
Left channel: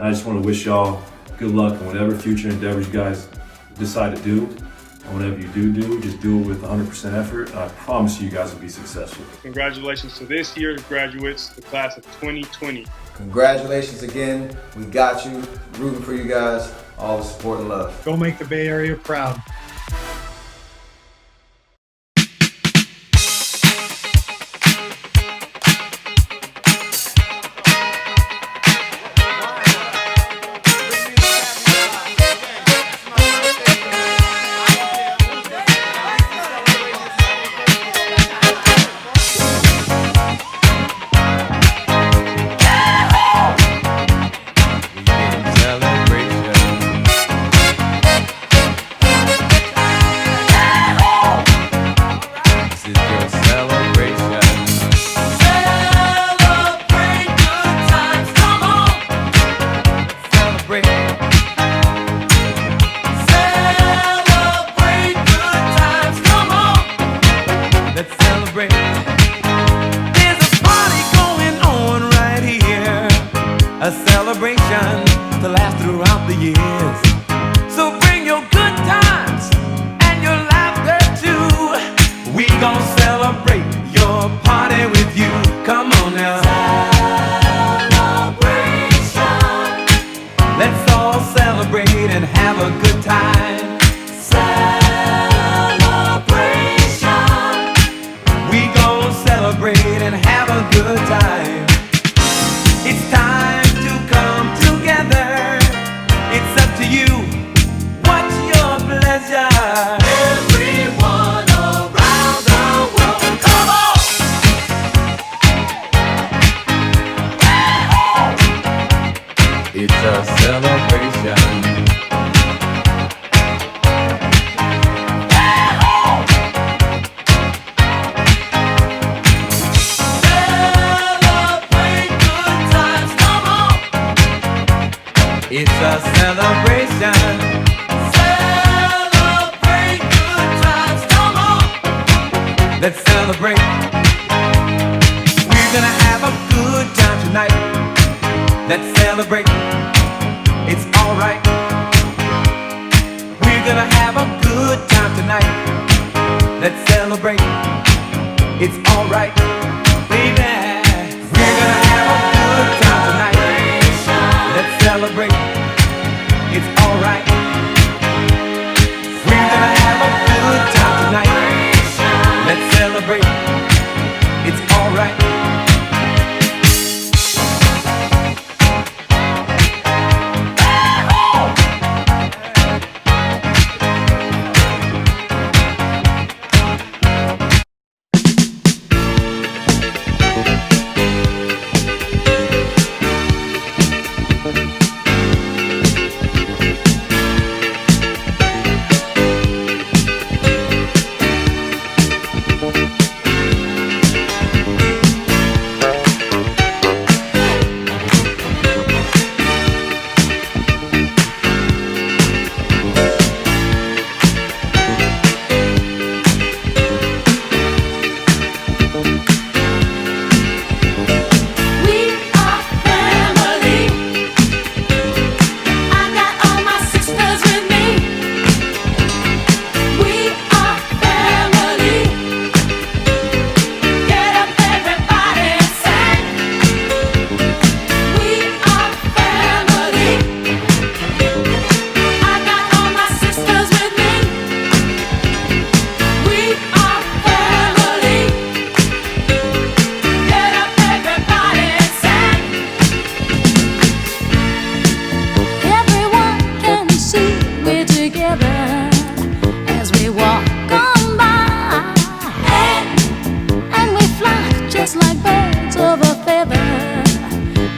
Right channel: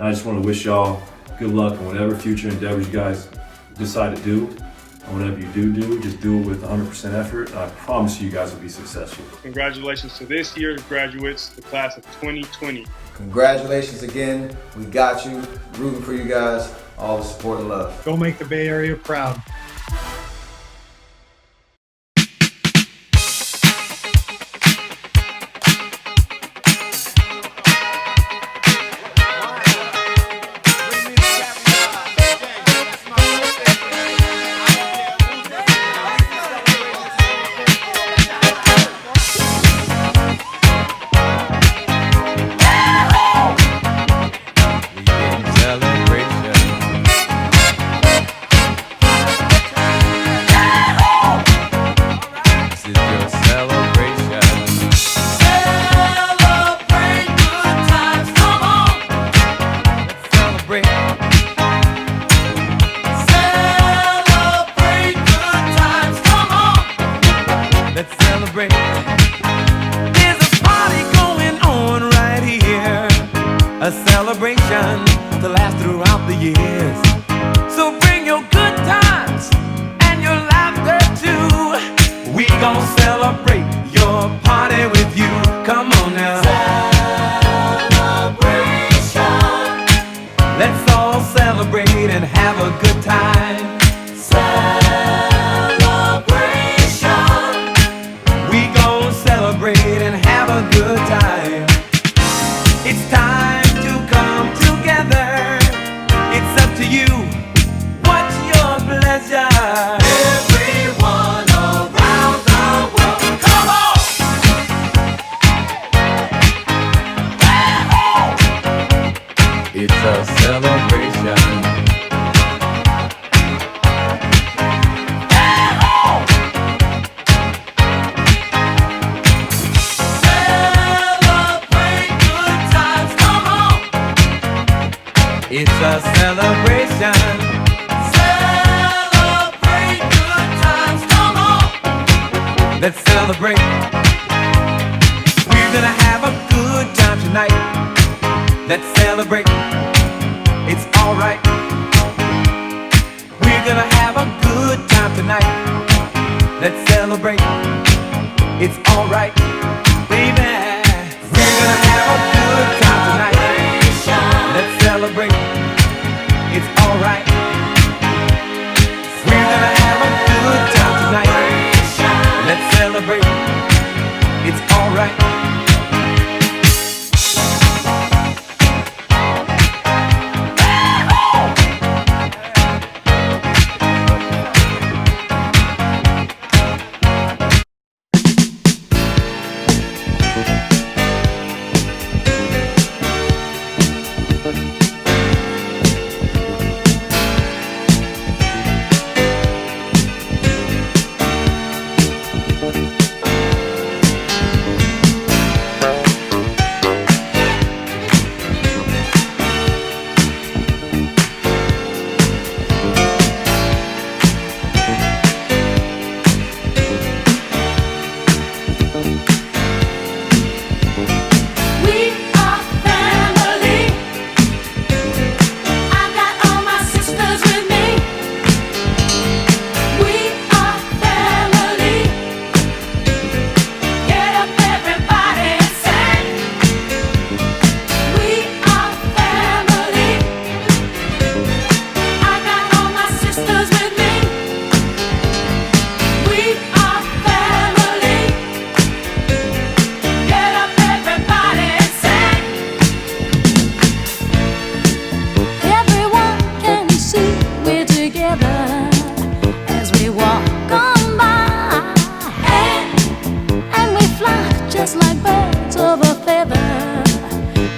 I just want to wish y'all good luck with whatever future endeavors you guys decide to do. Whatever you do, just do it with 100% effort, and I promise you guys will be successful. Congratulations to this year's graduates, the class of 2020. Congratulations again. We got you. Rooting for you guys. All the support and love. Go make the Bay Area proud. A celebration to last throughout the years. So bring your good times and your laughter too. We gon' celebrate your party with you. Come on now. Celebration. Let's all celebrate and have a good time. Celebration. We gon' celebrate and have a good time. It's time to come together. It's up to you. What's your pleasure? Everyone around the world, come on! It's a celebration. It's a celebration. Celebrate good times, come on. Let's celebrate. We're gonna have a good time tonight. Let's celebrate. It's alright. We're gonna have a good time tonight. Let's celebrate. It's alright, baby. We're gonna have a good time tonight. Let's celebrate. It's alright. We're gonna have a good time tonight. Let's celebrate. It's alright.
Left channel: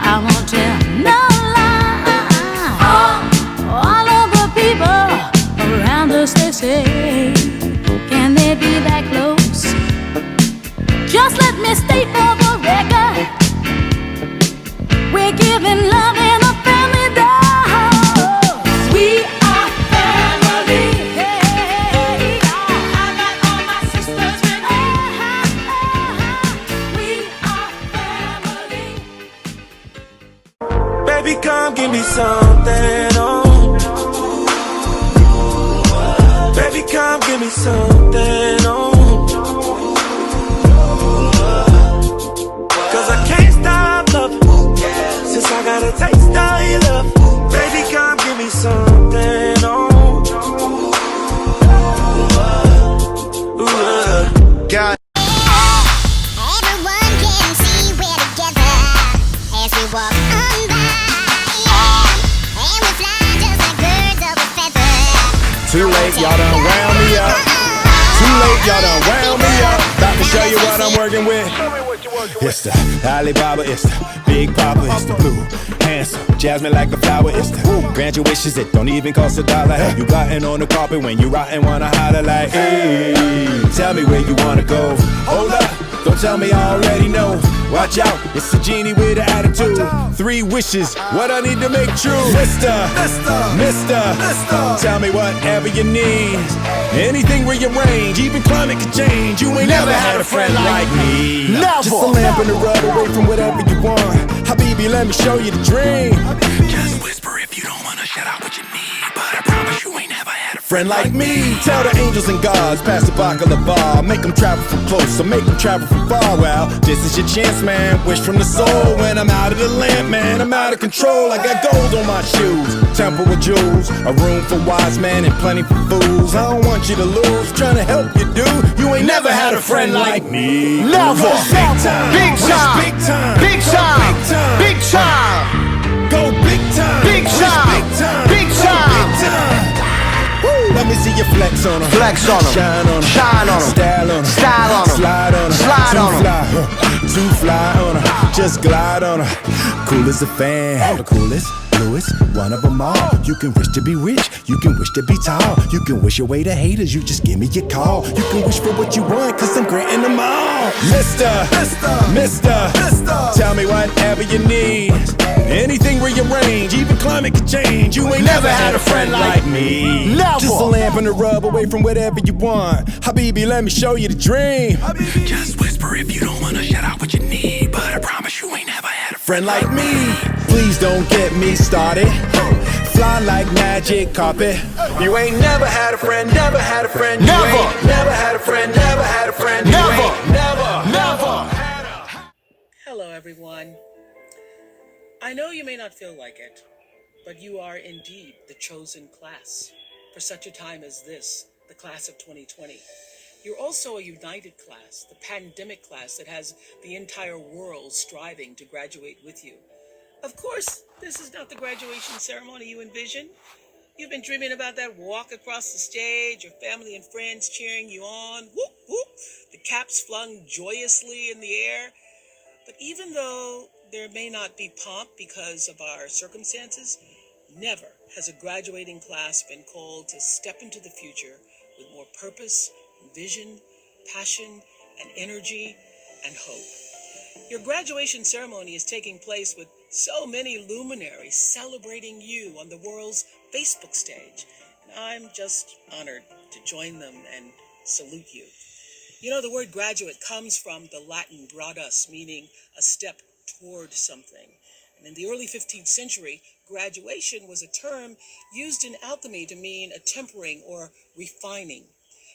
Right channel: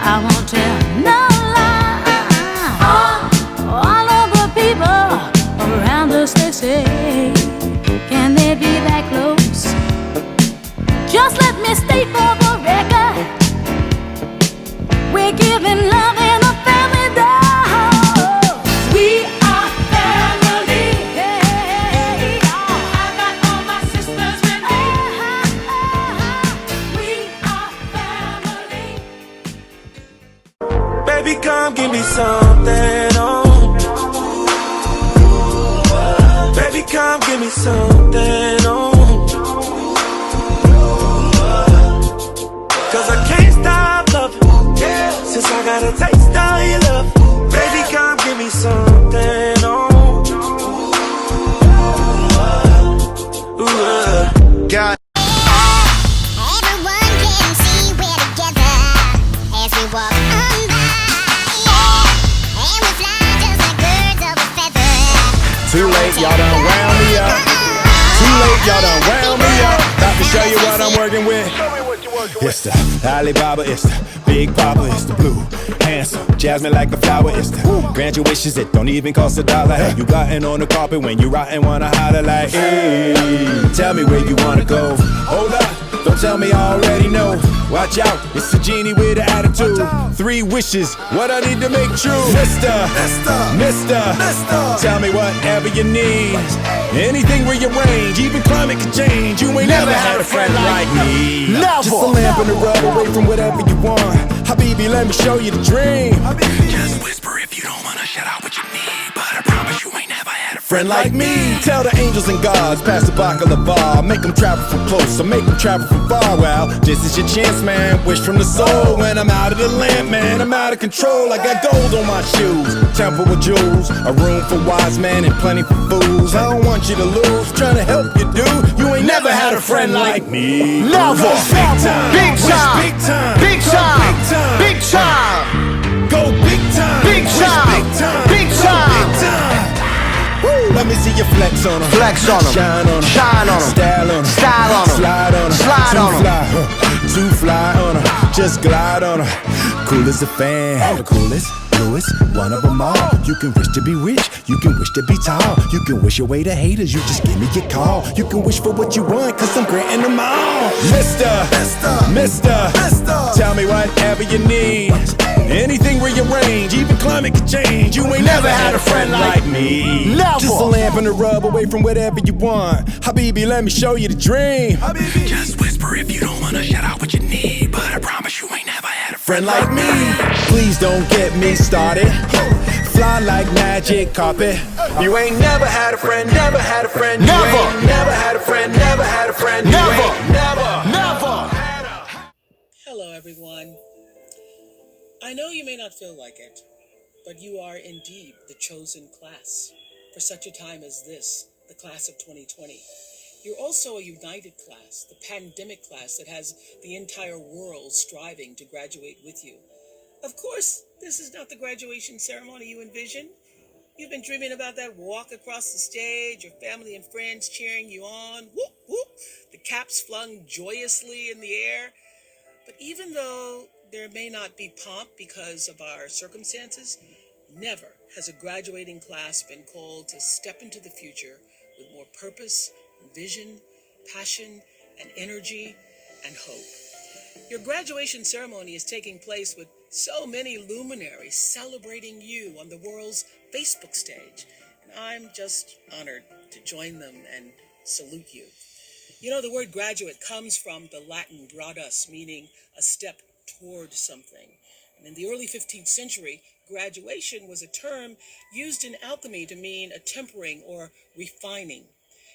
I won't tell no lie. All of the people around us, they say, can they be that close? Just let me state for the record, we're giving love in a family dose. We are family. Hey, I got all my sisters with me. We are family. Baby, come give me something, oh. Baby, come give me something, oh. Cause I can't stop loving, since I got a taste of your love. Baby, come give me something, oh. God. Everyone can see we're together as we walk on by. And we fly just like birds of a feather. Too late, y'all done wound me up. Too late, y'all done wound me up. About to show you what I'm working with. It's the Alibaba, it's the Big Papa, it's the blue, handsome, jasmine like a flower, it's the grant your wishes, it don't even cost $1. Have you gotten on the carpet when you rotten, wanna holler like, hey, tell me where you wanna go. Hold up, don't tell me I already know. Watch out, it's a genie with an attitude. 3 wishes, what I need to make true. Mister, tell me whatever you need. Anything rearrange, even climate can change. You ain't never had a friend like me. Never. Just a lamp in the rub away from whatever you want. Habibi, let me show you the dream. Just whisper if you don't wanna shut out what you need. But I promise you ain't never had a friend like me. Tell the angels and gods, pass the baklava. Make them travel from close, or make them travel from far. Well, this is your chance, man. Wish from the soul. When I'm out of the lamp, man, I'm out of control. I got gold on my shoes, temple with jewels, a room for wise men and plenty for fools. I don't want you to lose, trying to help you, dude. You ain't never had a friend like me. Never. Big time, Big time. big time, Big time. big time, Big time. go big time, Big time. big time, Big time. big time. Woo. Let me see you flex on 'em. Flex on 'em. Shine on 'em. Shine on 'em. Style on 'em. Style on 'em. Slide on 'em. Slide on 'em. Too fly on 'em. Just glide on 'em. Cool as a fan. The coolest, bluest, one of 'em all. You can wish to be rich. You can wish to be tall. You can wish away the haters. You just give me your call. You can wish for what you want, cause I'm granting them all. Mister, tell me whatever you need. Anything rearrange, even climate can change. You ain't never had a friend like me. Never. Just a lamp and a rub away from whatever you want. Habibi, let me show you the dream. Habibi. Just whisper if you don't wanna shut out what you need. But I promise you ain't never had a friend like me. Please don't get me started. Fly like magic carpet. You ain't never had a friend, never had a friend. You Never. ain't never had a friend, never had a friend. You Never. ain't never. Hello, everyone. I know you may not feel like it, but you are indeed the chosen class for such a time as this, the class of 2020. You're also a united class, the pandemic class that has the entire world striving to graduate with you. Of course, this is not the graduation ceremony you envision. You've been dreaming about that walk across the stage, your family and friends cheering you on, whoop, whoop, the caps flung joyously in the air. But even though there may not be pomp because of our circumstances, never has a graduating class been called to step into the future with more purpose, vision, passion, and energy and hope. Your graduation ceremony is taking place with so many luminaries celebrating you on the world's Facebook stage. And I'm just honored to join them and salute you. You know, the word graduate comes from the Latin gradus, meaning a step toward something. And in the early 15th century, graduation was a term used in alchemy to mean a tempering or refining.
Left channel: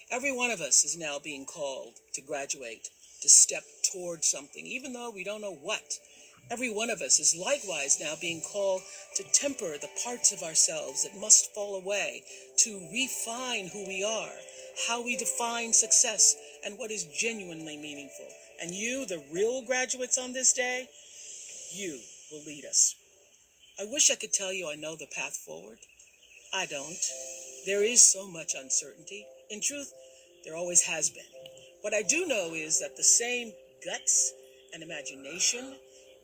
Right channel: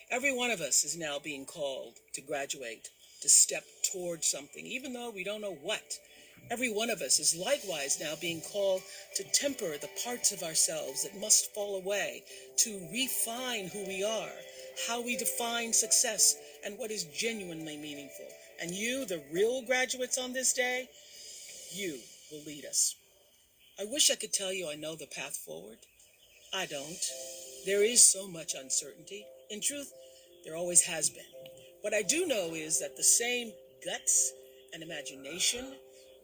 Every one of us is now being called to graduate, to step toward something, even though we don't know what. Every one of us is likewise now being called to temper the parts of ourselves that must fall away, to refine who we are, how we define success, and what is genuinely meaningful. And you, the real graduates on this day, you will lead us. I wish I could tell you I know the path forward. I don't. There is so much uncertainty. In truth, there always has been. What I do know is that the same guts and imagination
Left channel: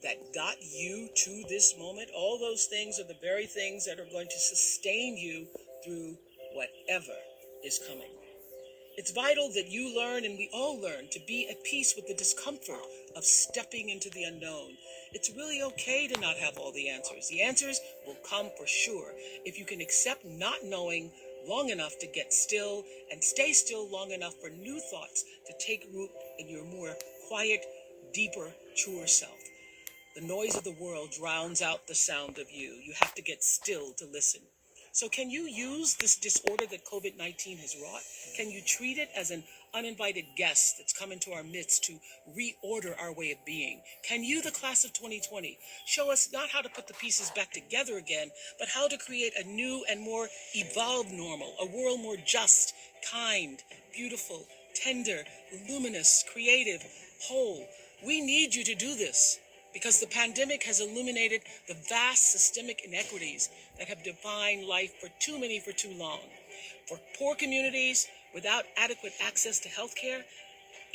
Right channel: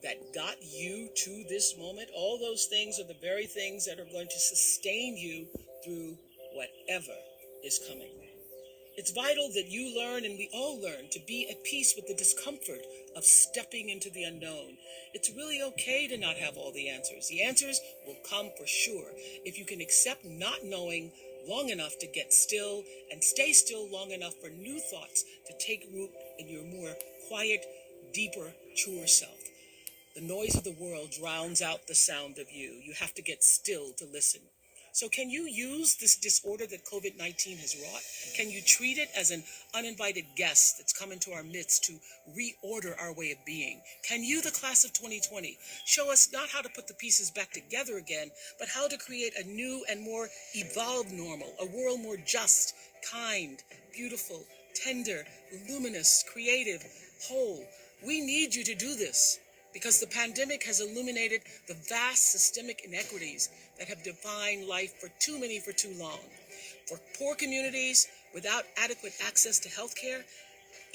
that got you to this moment, all those things are the very things that are going to sustain you through whatever is coming. It's vital that you learn, and we all learn, to be at peace with the discomfort of stepping into the unknown. It's really okay to not have all the answers. The answers will come for sure if you can accept not knowing long enough to get still and stay still long enough for new thoughts to take root in your more quiet, deeper, truer self. The noise of the world drowns out the sound of you. You have to get still to listen. So can you use this disorder that COVID-19 has wrought? Can you treat it as an uninvited guest that's come into our midst to reorder our way of being? Can you, the class of 2020, show us not how to put the pieces back together again, but how to create a new and more evolved normal, a world more just, kind, beautiful, tender, luminous, creative, whole? We need you to do this, because the pandemic has illuminated the vast systemic inequities that have defined life for too many for too long. For poor communities without adequate access to health care,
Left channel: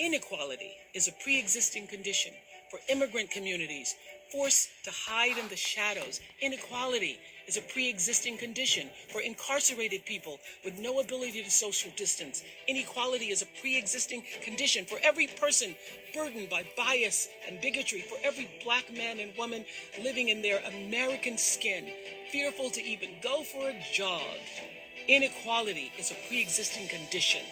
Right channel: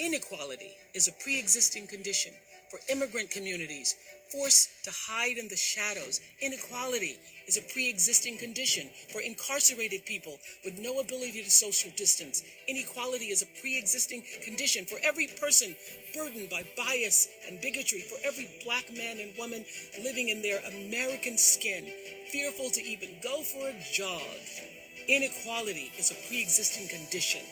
inequality is a pre-existing condition. For immigrant communities forced to hide in the shadows, inequality is a pre-existing condition. For incarcerated people with no ability to social distance, inequality is a pre-existing condition. For every person burdened by bias and bigotry, for every black man and woman living in their American skin, fearful to even go for a jog, inequality is a pre-existing condition.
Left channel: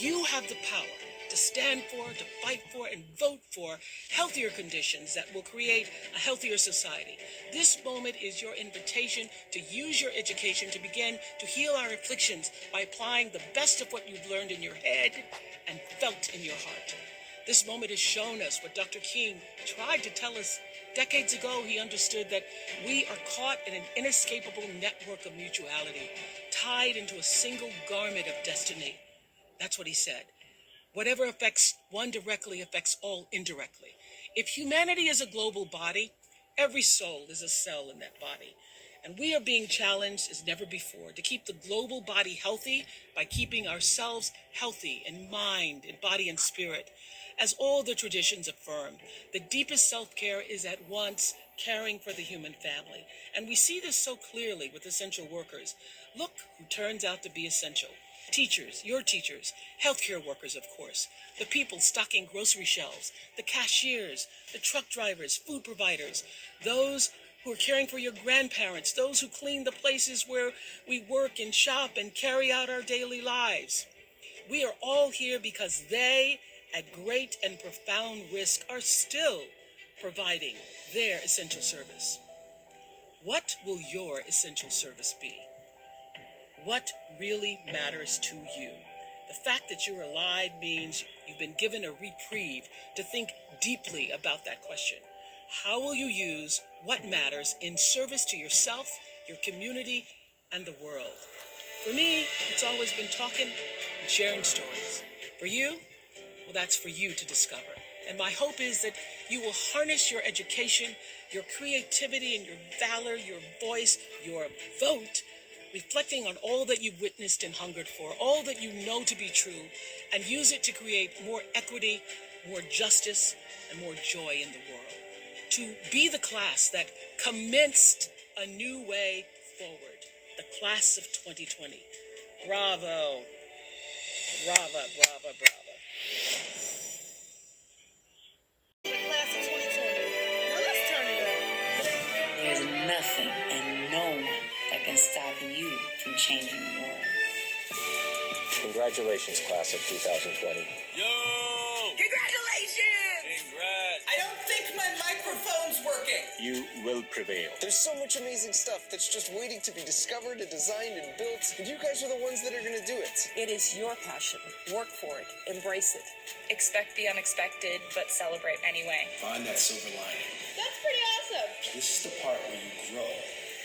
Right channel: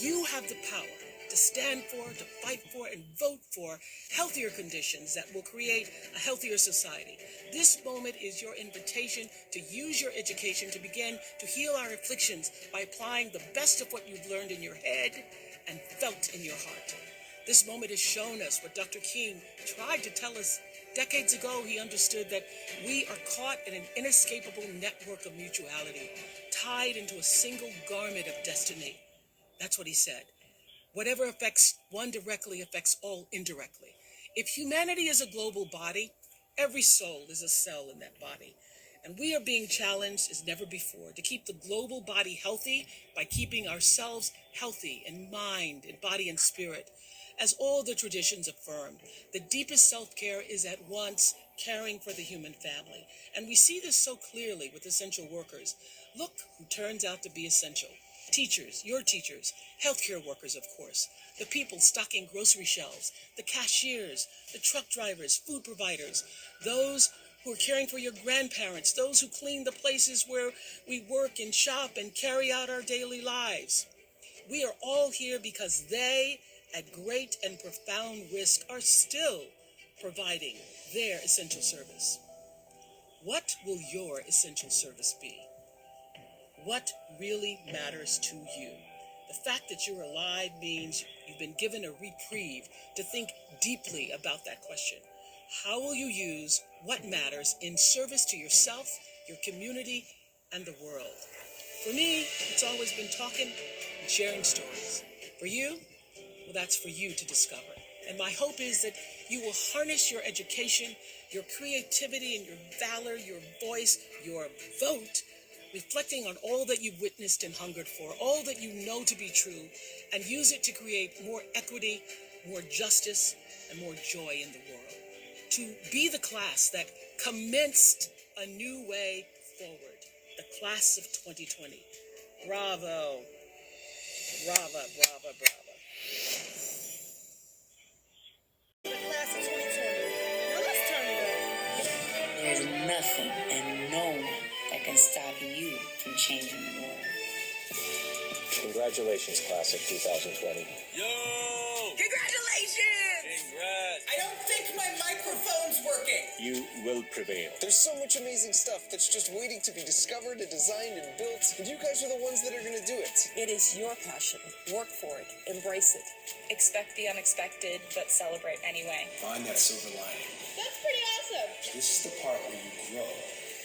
You have the power to stand for, to fight for, and vote for healthier conditions that will create a healthier society. This moment is your invitation to use your education to begin to heal our afflictions by applying the best of what you've learned in your head and felt in your heart. This moment has shown us what Dr. King tried to tell us decades ago. He understood that we are caught in an inescapable network of mutuality, tied into a single garment of destiny. That's what he said. Whatever affects one directly affects all indirectly. If humanity is a global body, every soul is a cell in that body. And we are being challenged as never before to keep the global body healthy by keeping ourselves healthy in mind, in body, and spirit. As all the traditions affirm, the deepest self-care is at once caring for the human family. And we see this so clearly with essential workers. Look who turns out to be essential. Teachers, your teachers, healthcare workers, of course, the people stocking grocery shelves, the cashiers, the truck drivers, food providers, those who are caring for your grandparents, those who clean the places where we work and shop and carry out our daily lives. We are all here because they, at great and profound risk, are still providing their essential service. What will your essential service be? What really matters to you? The fact that you're alive means you've been given a reprieve to think deeply about that question. How will you use what matters in service to yourself, your community, and the world? For me, it's always been talking and sharing stories. For you, well, that's for you to discover. And my hope is that you will harness your education, your creativity, and your valor, your voice, your vote, reflecting on all that you've witnessed and hungered for, all that you know to be true, and use it to create more equity, more justice, and more joy in the world. To be the class that commenced a new way forward, the class of 2020. Bravo. Brava, brava, brava. The class of 2020. Now let's turn it up. There's nothing and no one that can stop you from changing the world. Congratulations, class of 2020. Yo! Congratulations! Congrats! I don't think my microphone's working. You will prevail. There's so much amazing stuff that's just waiting to be discovered and designed and built, and you guys are the ones that are going to do it. It is your passion. Work for it. Embrace it. Expect the unexpected, but celebrate anyway. Find that silver lining. That's pretty awesome. This is the part where you grow.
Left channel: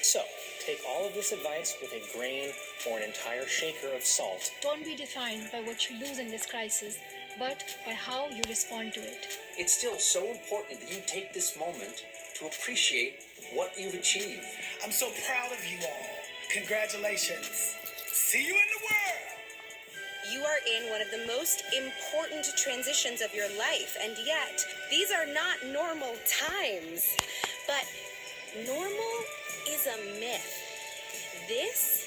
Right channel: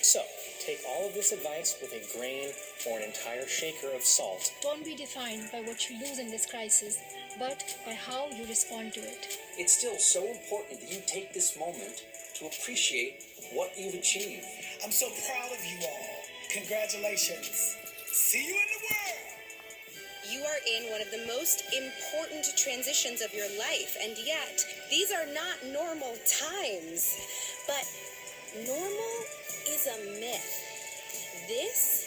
So, take all of this advice with a grain or an entire shaker of salt. Don't be defined by what you lose in this crisis, but by how you respond to it. It's still so important that you take this moment to appreciate what you've achieved. I'm so proud of you all. Congratulations. See you in the world. You are in one of the most important transitions of your life, and yet these are not normal times. But normal is a myth. This,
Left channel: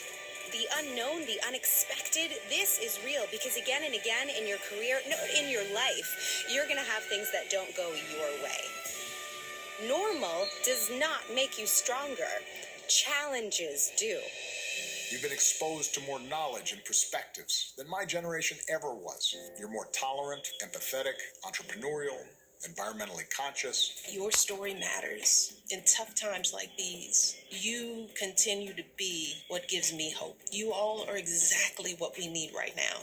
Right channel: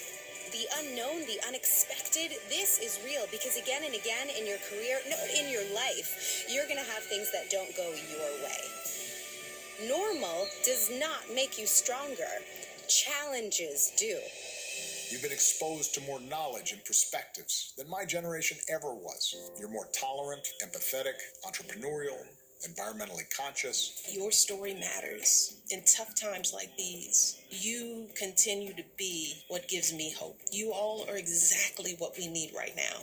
the unknown, the unexpected, this is real because again and again in your career, no, in your life, you're going to have things that don't go your way. Normal does not make you stronger. Challenges do. You've been exposed to more knowledge and perspectives than my generation ever was. You're more tolerant, empathetic, entrepreneurial, environmentally conscious. Your story matters. In tough times like these, you continue to be what gives me hope. You all are exactly what we need right now.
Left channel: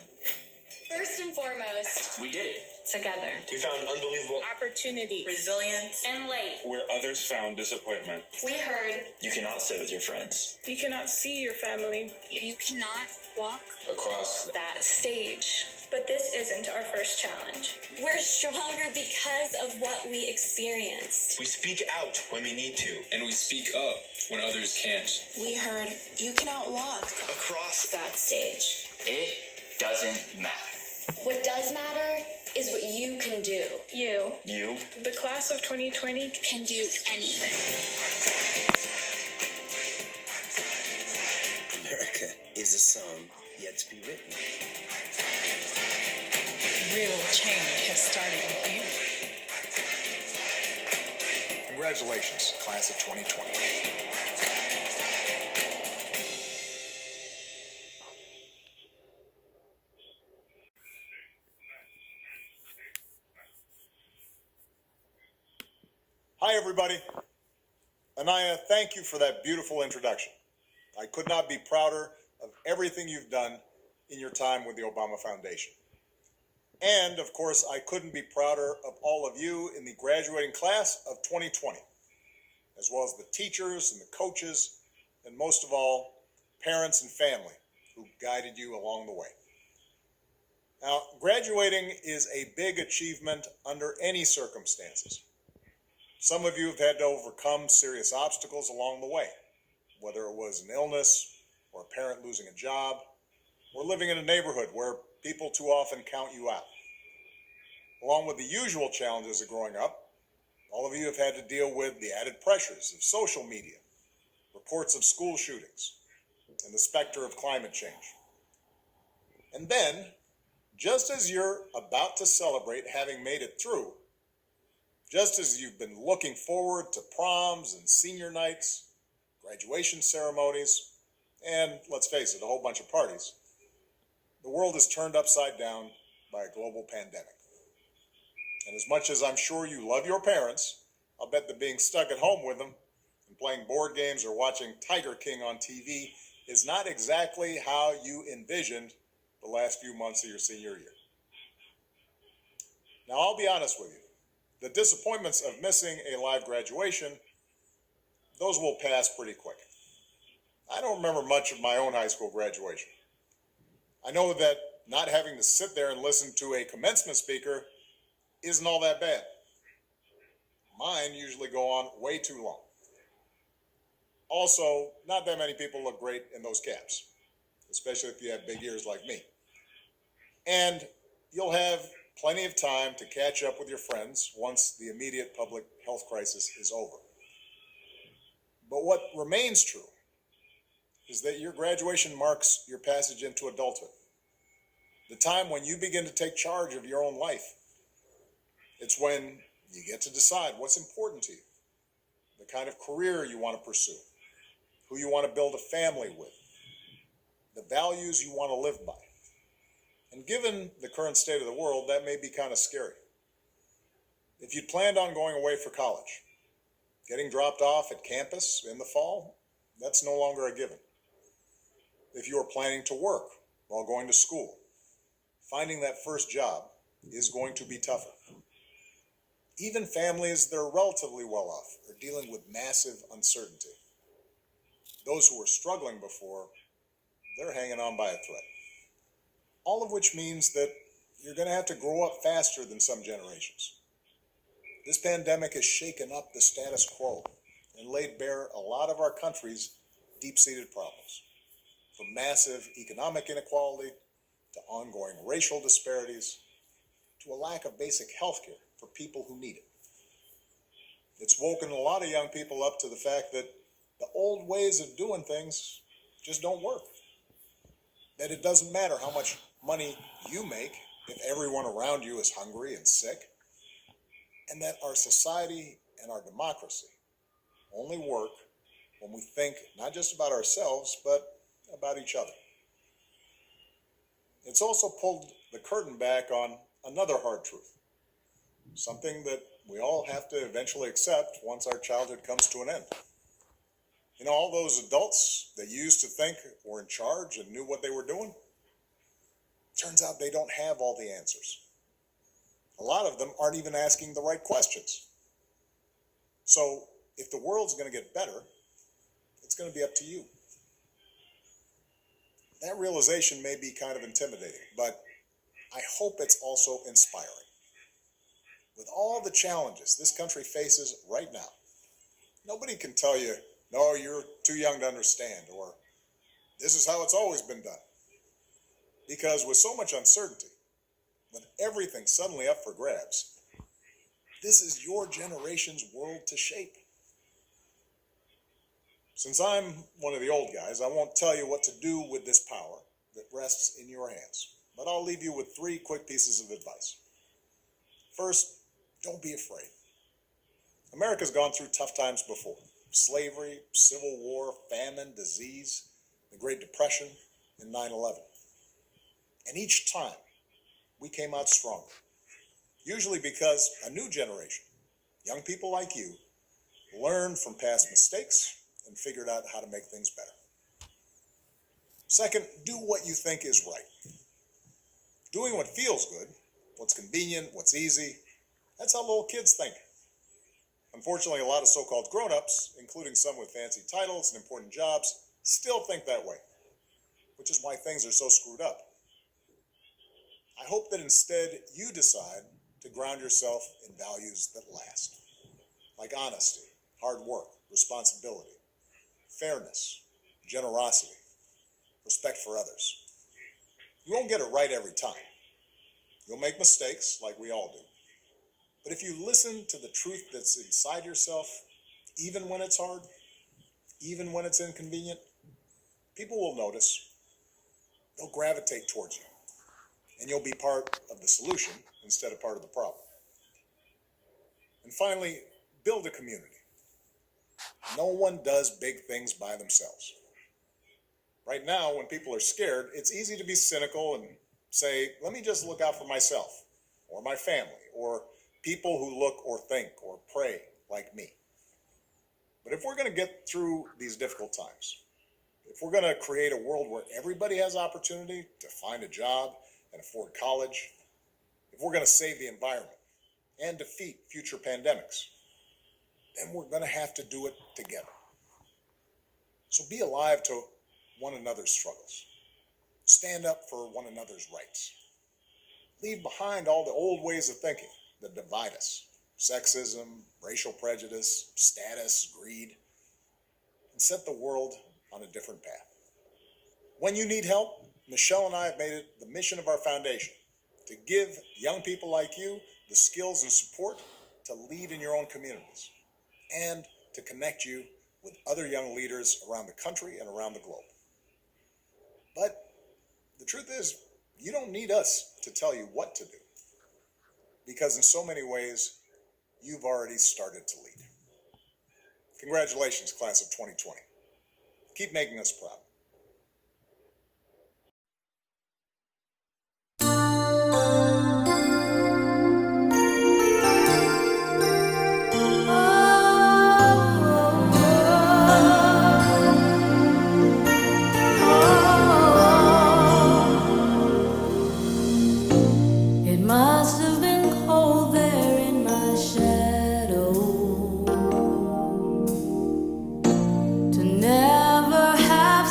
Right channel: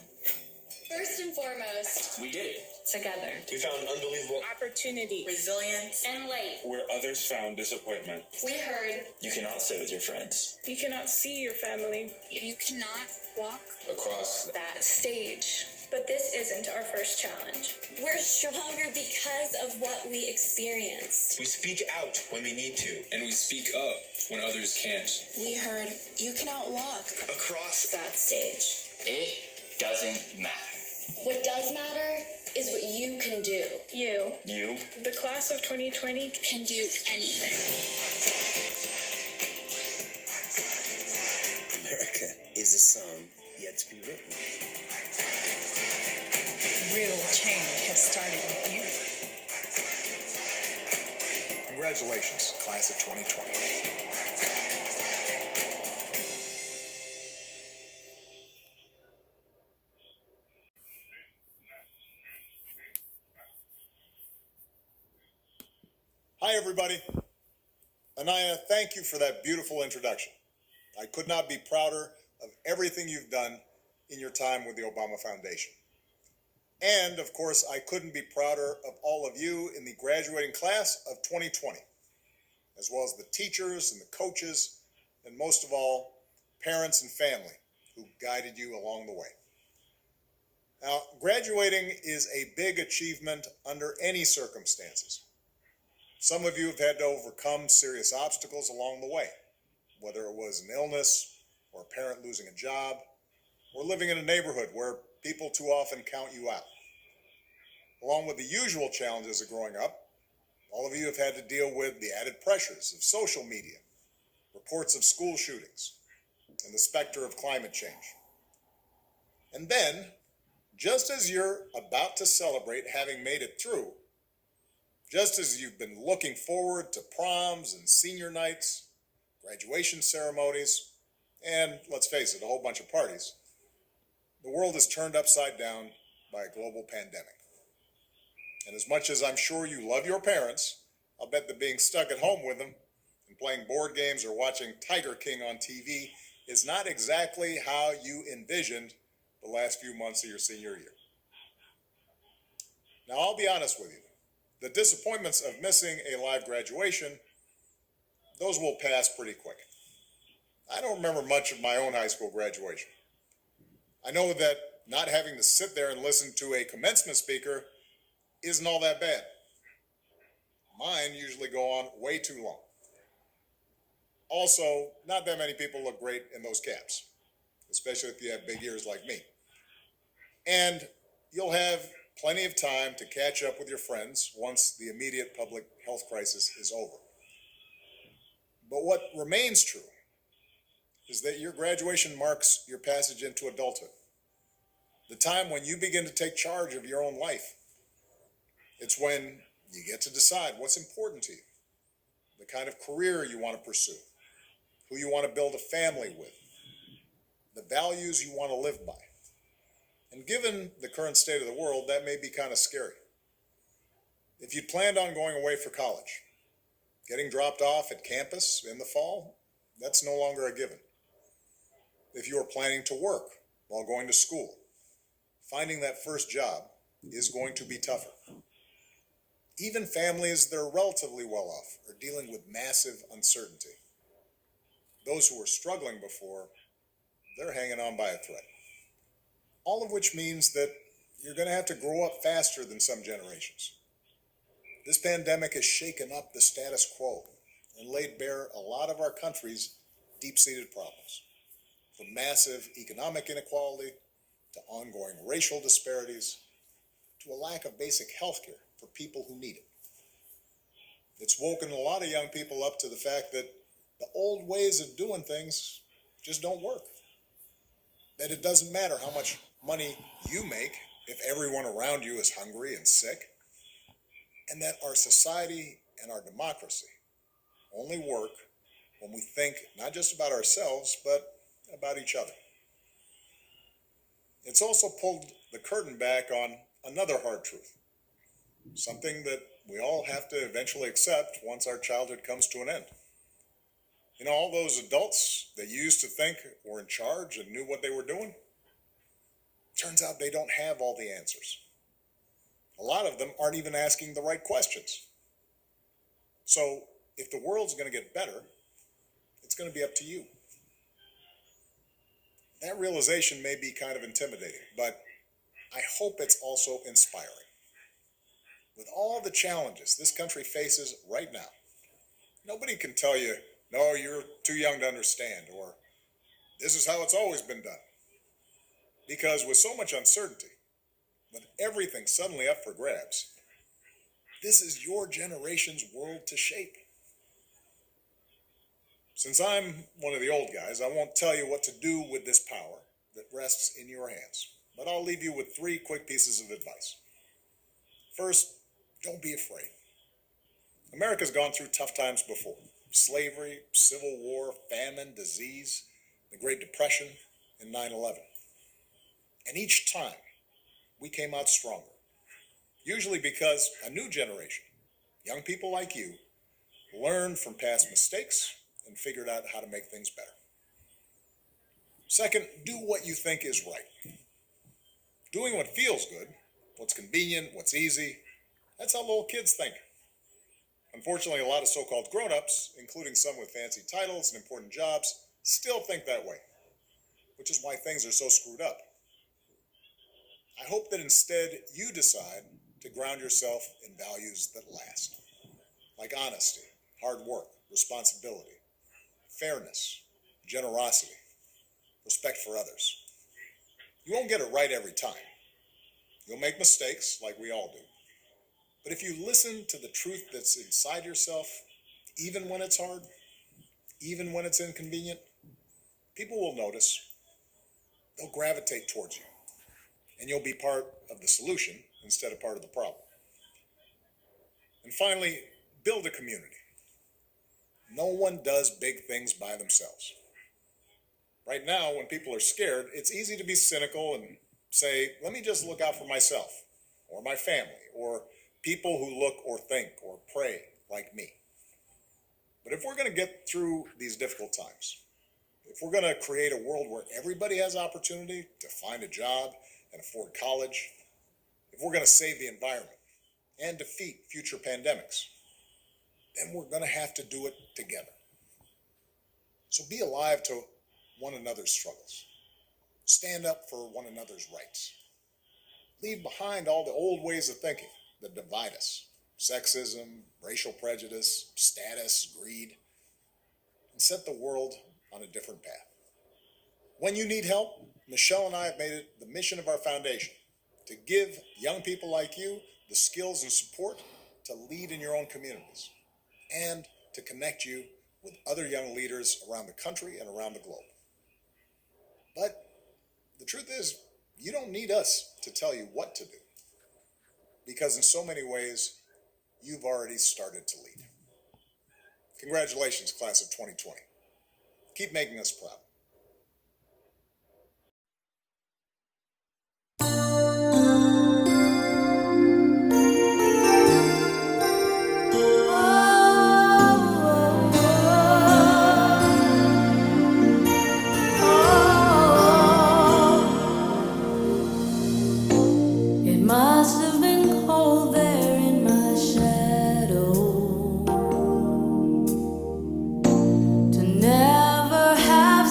First and foremost, We did it. together. We found unbelievable Opportunity, Resilience. and light. where others found disappointment. We heard You cannot sit with your friends. You cannot see your family. you cannot walk Across that stage. But this isn't our first challenge. We're stronger because of what we experienced. We speak out when we need to, and we speak up when others can't. We heard you cannot walk Across that stage. it doesn't matter. What does matter is what you can do. You, You the class of 2020, can do anything. America is a song yet to be written. Real change has started with you. Congratulations, class of 2020. Hi, everybody. Anaya, thank you for that beautiful introduction. I could not be prouder of everything you've done in your time with the Obama Foundation. And, of course, I couldn't be prouder of all of you in the graduating class of 2020, as well as the teachers and the coaches, and most of all, parents and family who guided you along the way. Now, graduating is a big achievement under any circumstances. Some of you have had to overcome serious obstacles along the way, whether it was an illness or a parent losing a job or living in a neighborhood where people too often count you out. Along with the usual challenges of growing up, all of you have had to deal with the added pressures of social media, reports of school shootings, and the specter of climate change. And then, just as you're about to celebrate having made it through, just as you've been looking forward to proms and senior nights, graduation ceremonies, and, let's face it, a whole bunch of parties, the world is turned upside down by a global pandemic. And as much as I'm sure you love your parents, I'll bet that being stuck at home with them and playing board games or watching Tiger King on TV is not exactly how you envisioned the last few months of your senior year. Now, I'll be honest with you. The disappointments of missing a live graduation, those will pass pretty quick. I don't remember much of my own high school graduation. I know that not having to sit there and listen to a commencement speaker isn't all that bad. Mine usually go on way too long. Also, not that many people look great in those caps, especially if you have big ears like me. And you'll have plenty of time to catch up with your friends once the immediate public health crisis is over. But what remains true is that your graduation marks your passage into adulthood, the time when you begin to take charge of your own life. It's when you get to decide what's important to you, the kind of career you want to pursue, who you want to build a family with, the values you want to live by. And given the current state of the world, that may be kind of scary. If you'd planned on going away for college, getting dropped off at campus in the fall, that's no longer a given. If you are planning to work while going to school, finding that first job is going to be tougher. Even families that are relatively well off are dealing with massive uncertainty. Those who were struggling before, they're hanging on by a thread. All of which means that you're going to have to grow up faster than some generations. This pandemic has shaken up the status quo and laid bare a lot of our country's deep-seated problems, from massive economic inequality to ongoing racial disparities, to a lack of basic health care for people who need it. It's woken a lot of young people up to the fact that the old ways of doing things just don't work. That it doesn't matter how much money you make if everyone around you is hungry and sick. And that our society and our democracy only work when we think not just about ourselves, but about each other. It's also pulled the curtain back on another hard truth, something that we all have to eventually accept once our childhood comes to an end. You know, all those adults that you used to think were in charge and knew what they were doing, turns out they don't have all the answers. A lot of them aren't even asking the right questions. So if the world's going to get better, it's going to be up to you. That realization may be kind of intimidating, but I hope it's also inspiring. With all the challenges this country faces right now, nobody can tell you, no, you're too young to understand, or this is how it's always been done. Because with so much uncertainty, with everything suddenly up for grabs, this is your generation's world to shape. Since I'm one of the old guys, I won't tell you what to do with this power that rests in your hands, but I'll leave you with 3 quick pieces of advice. First, don't be afraid. America's gone through tough times before. Slavery, civil war, famine, disease, the Great Depression, and 9/11. And each time, we came out stronger. Usually because a new generation, young people like you, learned from past mistakes and figured out how to make things better. Second, do what you think is right. Doing what feels good, what's convenient, what's easy, that's how little kids think. Unfortunately, a lot of so-called grown-ups, including some with fancy titles and important jobs, still think that way, which is why things are so screwed up. I hope that instead you decide to ground yourself in values that last, like honesty, hard work, responsibility, fairness, generosity, respect for others. You won't get it right every time. You'll make mistakes, like we all do. But if you listen to the truth that's inside yourself, even when it's hard, even when it's inconvenient, people will notice. They'll gravitate towards you. And you'll be part of the solution instead of part of the problem. And finally, build a community. No one does big things by themselves. Right now, when people are scared, it's easy to be cynical and say, let me just look out for myself, or my family, or people who look or think or pray like me. But if we're going to get through these difficult times, if we're going to create a world where everybody has opportunity to find a job and afford college, if we're going to save the environment and defeat future pandemics, then we're going to have to do it together. So be alive to one another's struggles. Stand up for one another's rights. Leave behind all the old ways of thinking that divide us. Sexism, racial prejudice, status, greed. And set the world on a different path. When you need help, Michelle and I have made it the mission of our foundation to give young people like you the skills and support to lead in your own communities and to connect you with other young leaders around the country and around the globe. But the truth is, you don't need us to tell you what to do, because in so many ways, you've already started to lead. Congratulations, class of 2020. Keep making us proud. It must have been cold there in my shadow to never have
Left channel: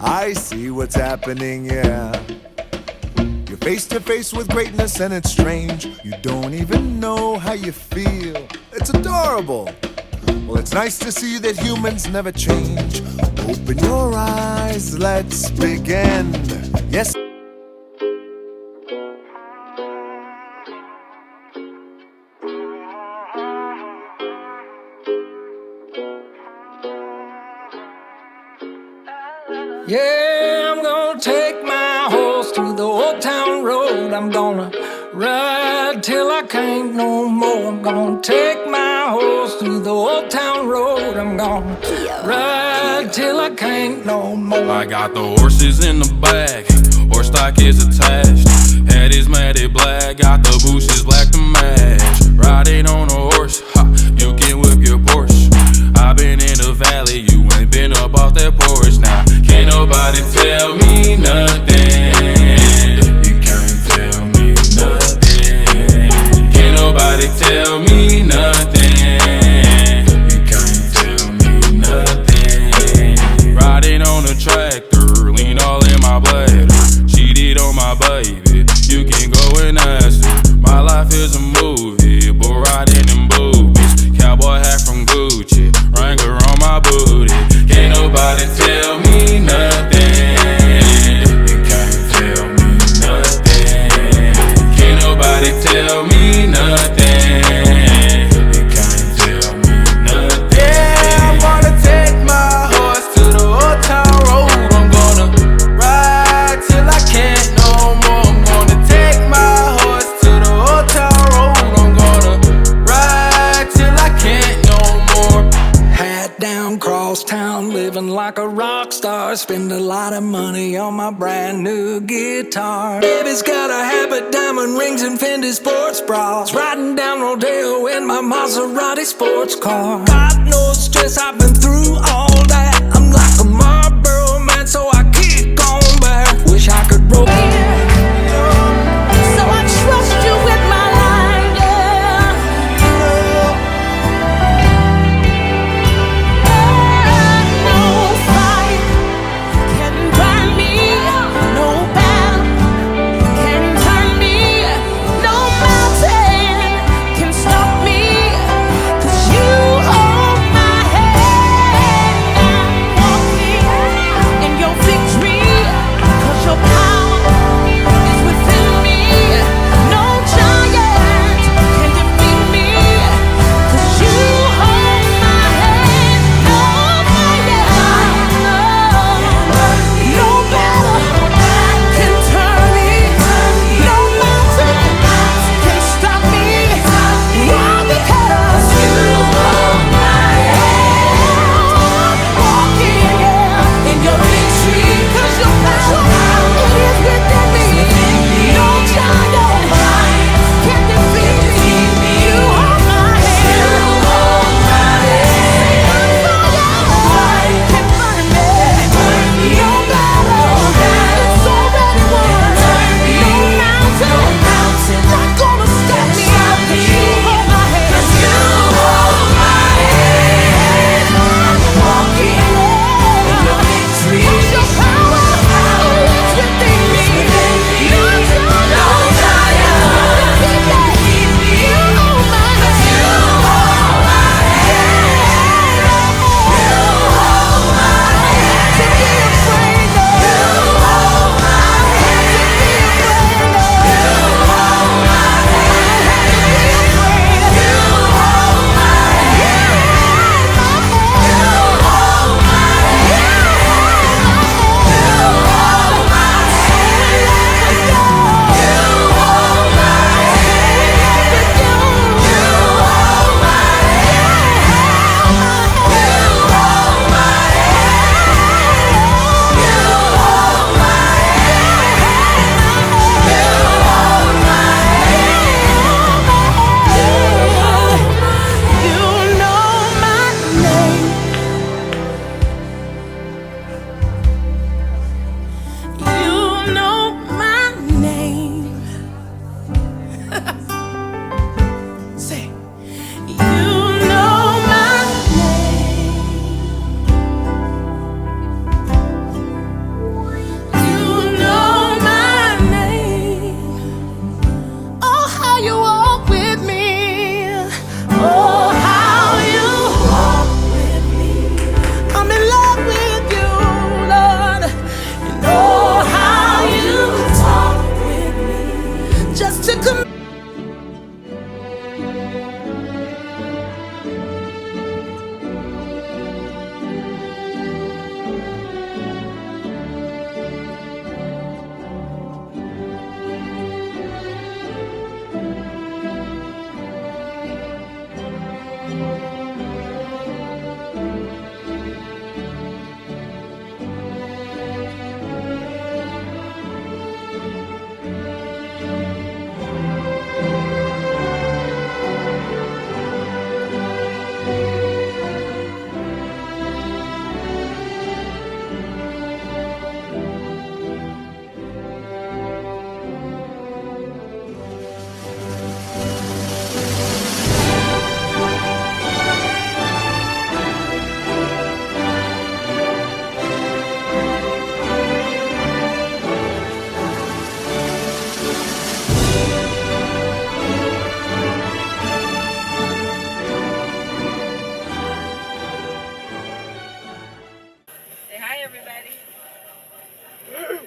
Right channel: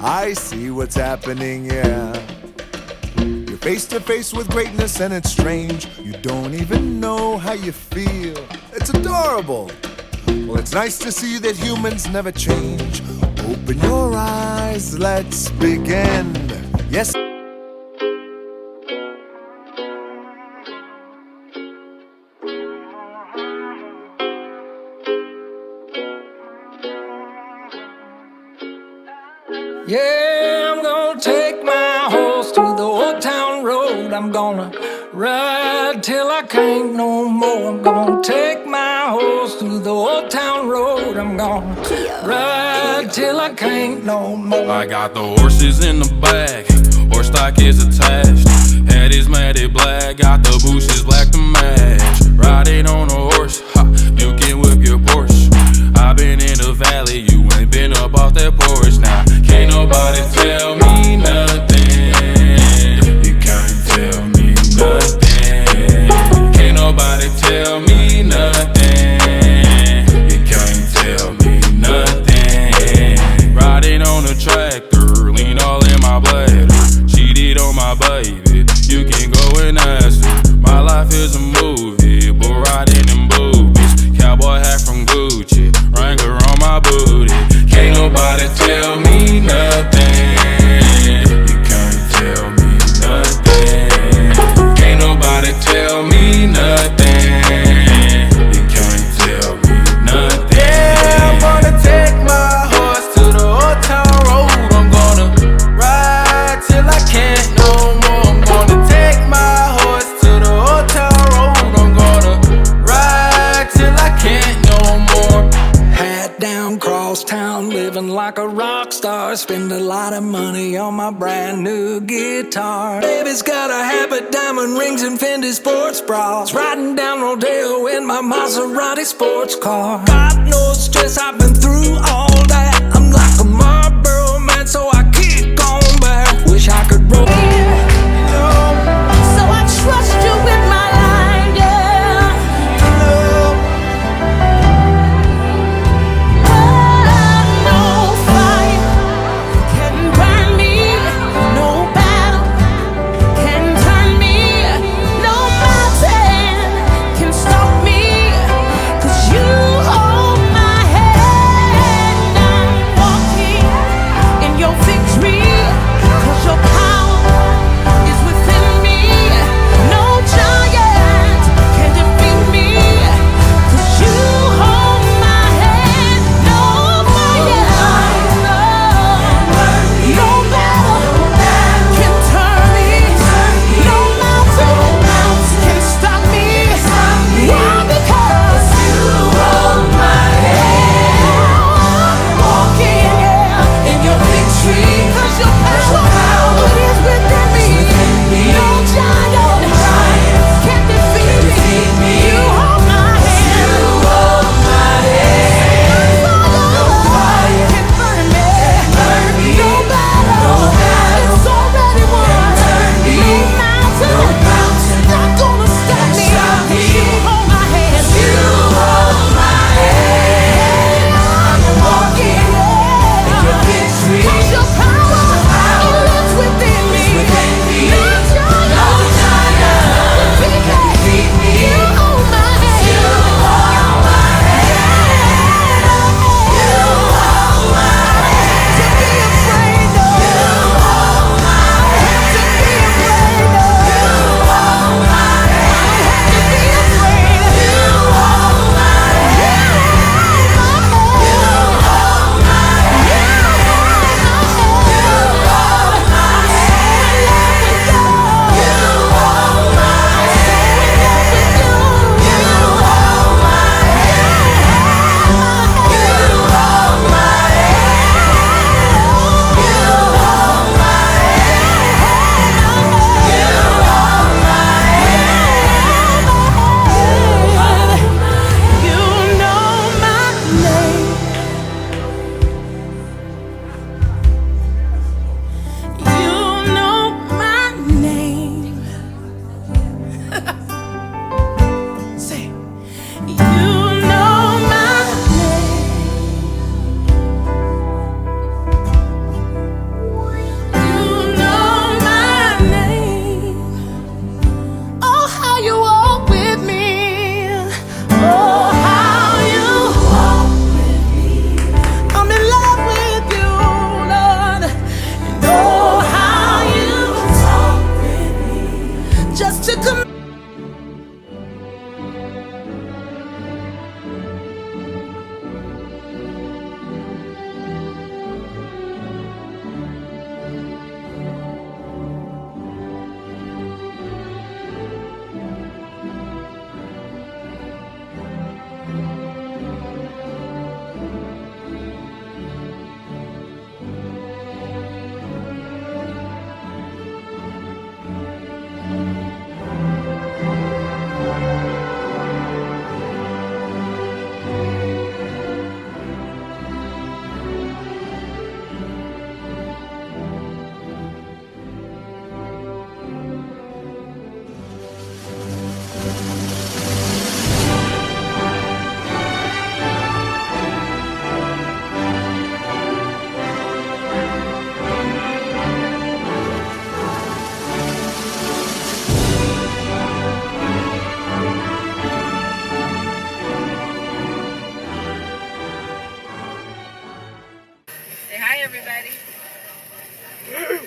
I see what's happening, yeah. You're face to face with greatness and it's strange. You don't even know how you feel. It's adorable. Well, it's nice to see that humans never change. Open your eyes, let's begin. Yes. Yeah, I'm gonna take my horse through the old town road. I'm gonna ride till I can't no more. I'm gonna take my horse through the old town road. I'm gonna ride till I can't no more. I got the horses in the back, horse stock is attached. Head is matted black, got the bushes black to match. Riding on a horse, ha, you can whip your Porsche. I've been in the valley, you ain't been up off that porch. Now, can't nobody tell me nothing. You can't tell me nothing. Can't nobody tell me nothing. You can't tell me nothing. Riding on a tractor, lean all in my bladder. Cheated on my baby, you can go and ask her. My life is a movie, but riding in boobies. Cowboy hat from Gucci, Wrangler on my booty. Can't nobody tell me nothing. You can't tell me nothing. Can't nobody tell me nothing. You can't tell me nothing. Yeah, I'm gonna take my horse to the old town road. I'm gonna ride till I can't no more. I'm gonna take my horse to the old town road. I'm gonna ride till I can't no more. Hat down, cross town, living like a rock star. Spend a lot of money on my brand new guitar. Baby's got a habit, diamond rings and Fendi sports bras. Riding down Rodeo in my Maserati sports car. Got no stress, I've been through all that. I'm like a Marlboro man, so I keep going back. Wish I could roll. So I trust you with my life, yeah. No fight can burn me, no battle can turn me, no mountain can stop me, 'cause you hold my hand.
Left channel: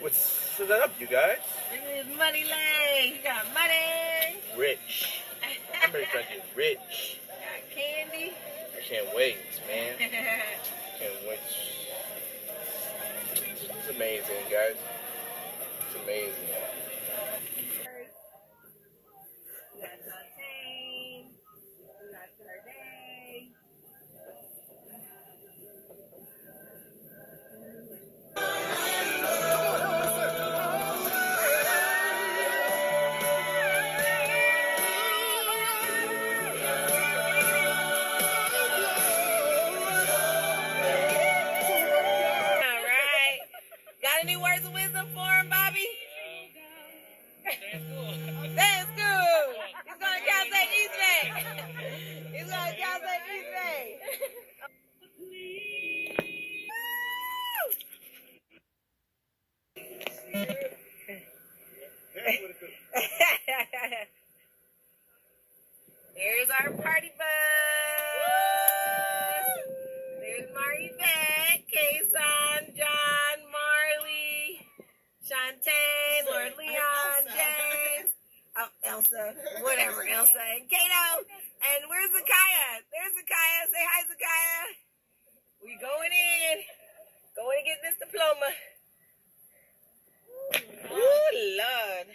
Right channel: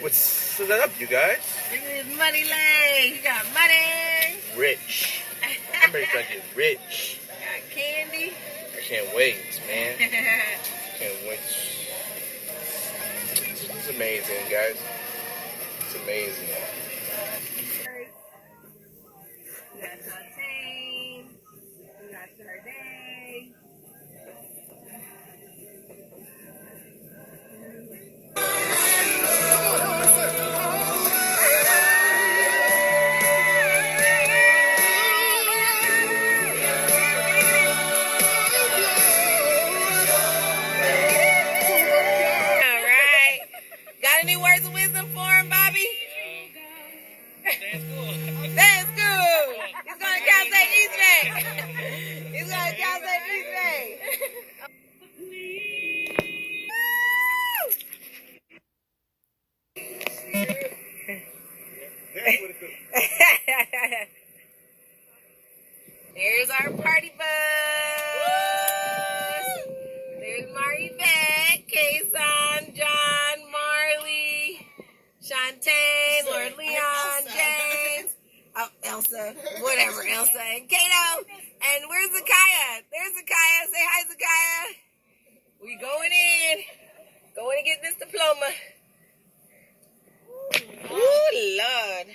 What's up, you guys? Look at his money legs. You got money. Rich. I'm ready to get rich. Got candy. I can't wait, man. Can't wait. It's amazing, guys. It's amazing. We got Fontaine. We got Sade. All right. Got any words of wisdom for him, Bobby? That's cool. He's going to Cal State East Bay. He's going to Cal State East Bay. There's our party bus. There's Marty Beck, Kason, John, Marley, Shantae, Lord Leon, James. Oh, Elsa. Whatever, Elsa and Kato. And where's Zakaya? There's Zakaya. Say hi, Zakaya. We going in. Going to get this diploma. Ooh, Lord.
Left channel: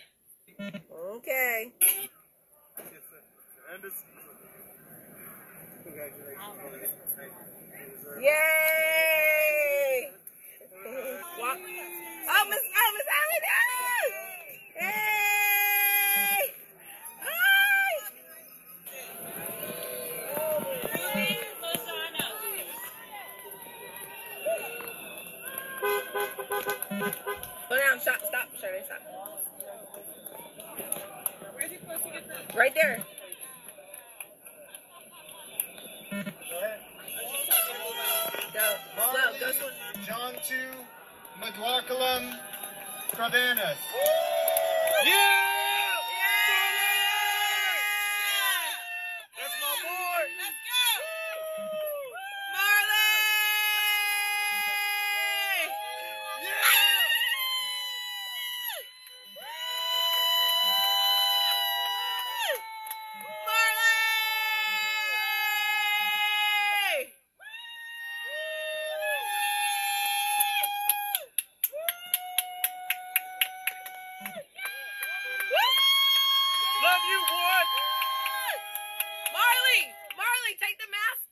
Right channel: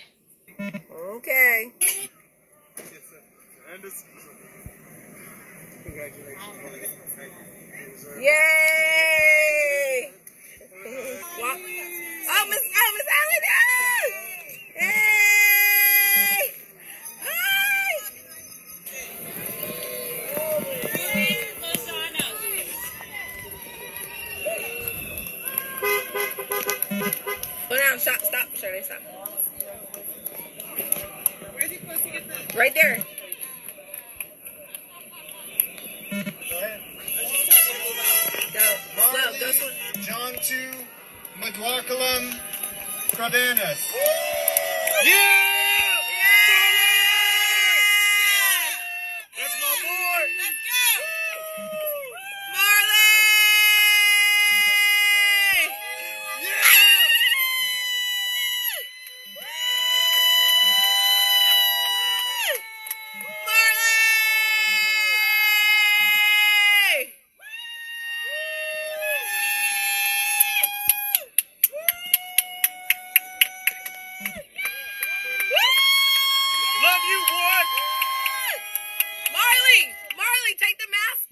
Okay. Yay! Walk. Oh, Miss Allen! Yay! Hi! Go down, stop, Shirley, stop. Where's he supposed to get the... Right there. John 2, Madwakalam, Cardenas. Yeah! That's my boy. Let's go! Marley! Marley! Love you, boy. Marley, take the mask.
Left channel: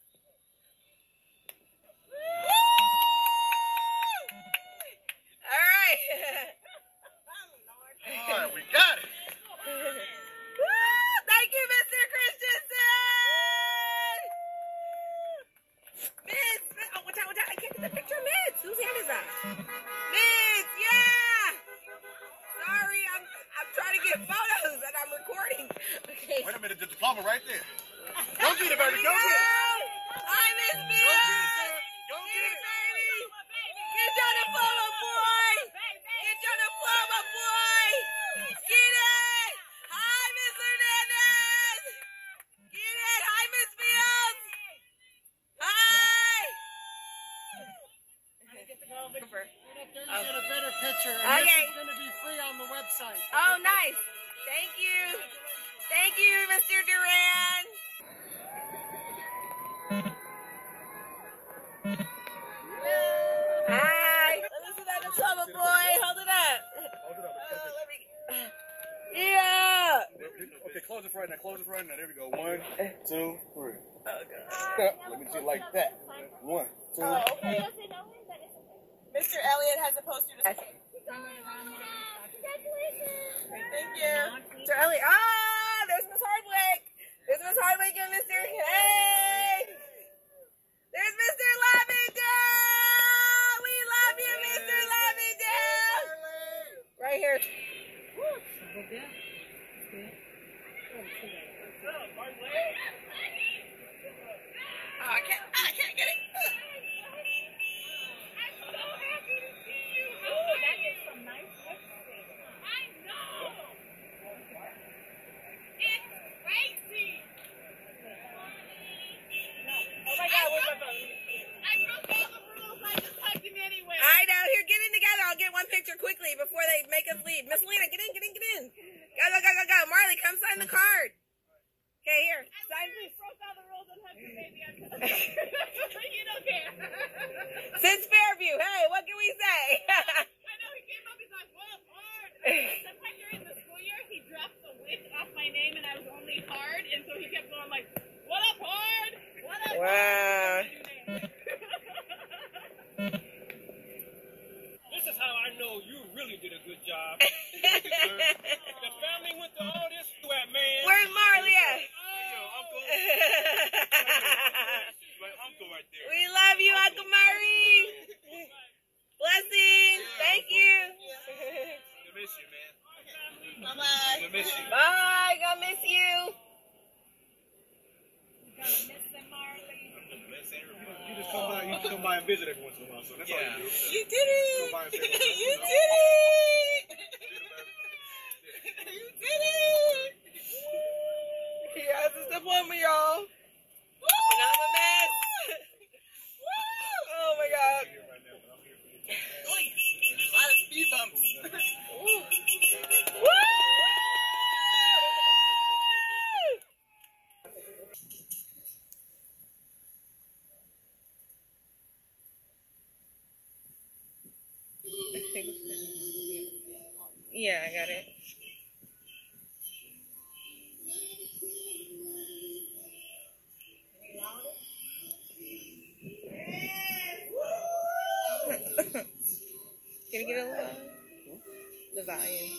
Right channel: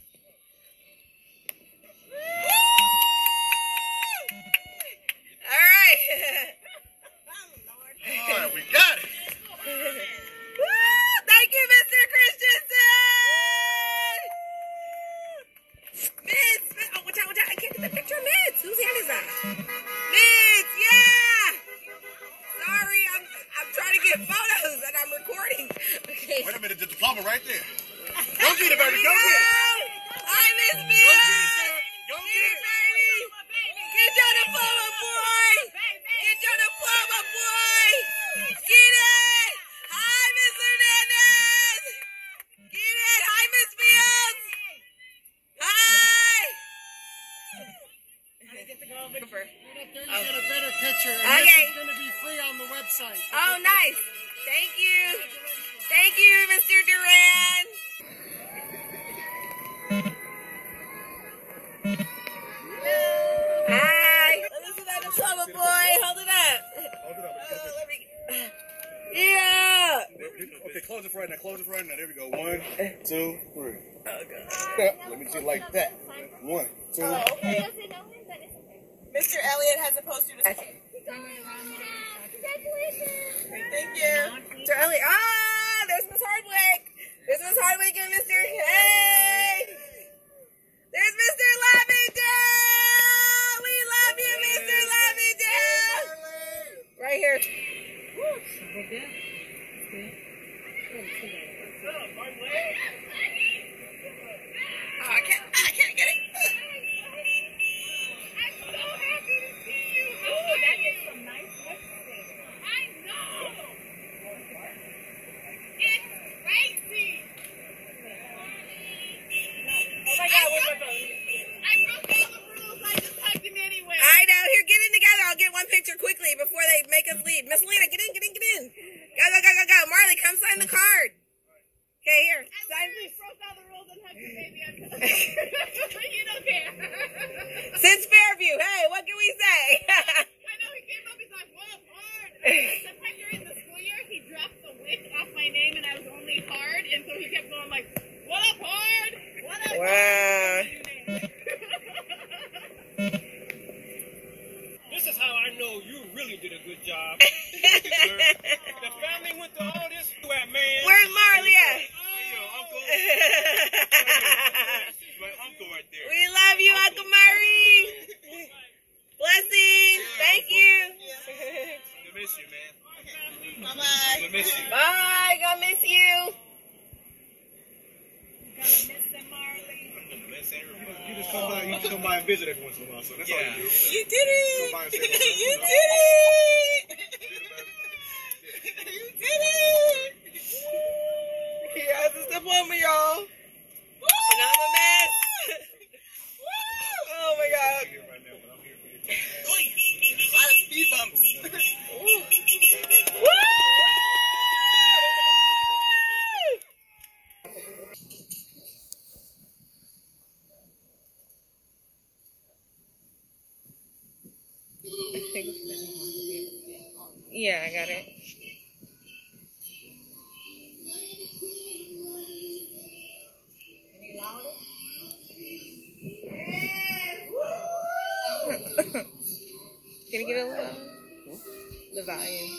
All right. All right, we got it. Thank you, Mr. Christensen. Mids. Oh, watch out. I can't get the picture of Mids. Whose hand is that? Mids, yeah. Sorry, I'm trying to get photos and I'm recording. Okay. Wait a minute, the diploma right there. Go get it, baby. Go get it. Hi, Miss Mids. Go get it, son. Go get it. Baby. Get your diploma, boy. Get your diploma, boy. Get it. Hi, Miss Hernandez. Get it. Hi, Miss Fields. Hi. You get a better picture. And Okay. this is going to be free on the website. Oh, nice. Thank you. Thank you, Mr. Duran. Hi. Let me see that diploma, boy. Hold it up. Yeah. Okay, close it for right now. Close it for right now. There we go. 1, 2, 3. Let me do it like that. 1, 2. Oh, okay. Mr. Elliott has a poster to... Okay. Thank you. Mr. Elliott. Ah, there's Miss Hardwick. There's Miss Hardwick and Mr. Hey. There's Mr. Lavender. We love you, Mr. Lavender. Right here. Oh, I can't get it. I know. Here, get in together. I'll get one picture. picture quickly before they make us leave. Miss Lena, get in. Go. Marley, come sign the card. Okay, here. Sign. We broke all the rules and have your baby on You don't care. Since Fairview, hey, what can we say? I know, he came up, he's like, what up, hard? Sometime during the school year, he dropped the wick off my name and I was only hard, and so he kept going like, what up, hard? What up, wow. This is how I know you really did a good job. The family went to all this man. Where's Marley at? Uncle. My uncle right there. We love you, Uncle Murray. Blessings. Thank you. We miss you, man. Bye-bye. We miss you. Bye. Gonna miss you. You just come by and visit every once in a while, so that's all you do. You did it. You did it. You did it. He has to step on me, y'all. And I'm a mess. Oh my God. A lot of speed bumps. Woo! Yeah, I got it. Any louder? Can you get a little the volume?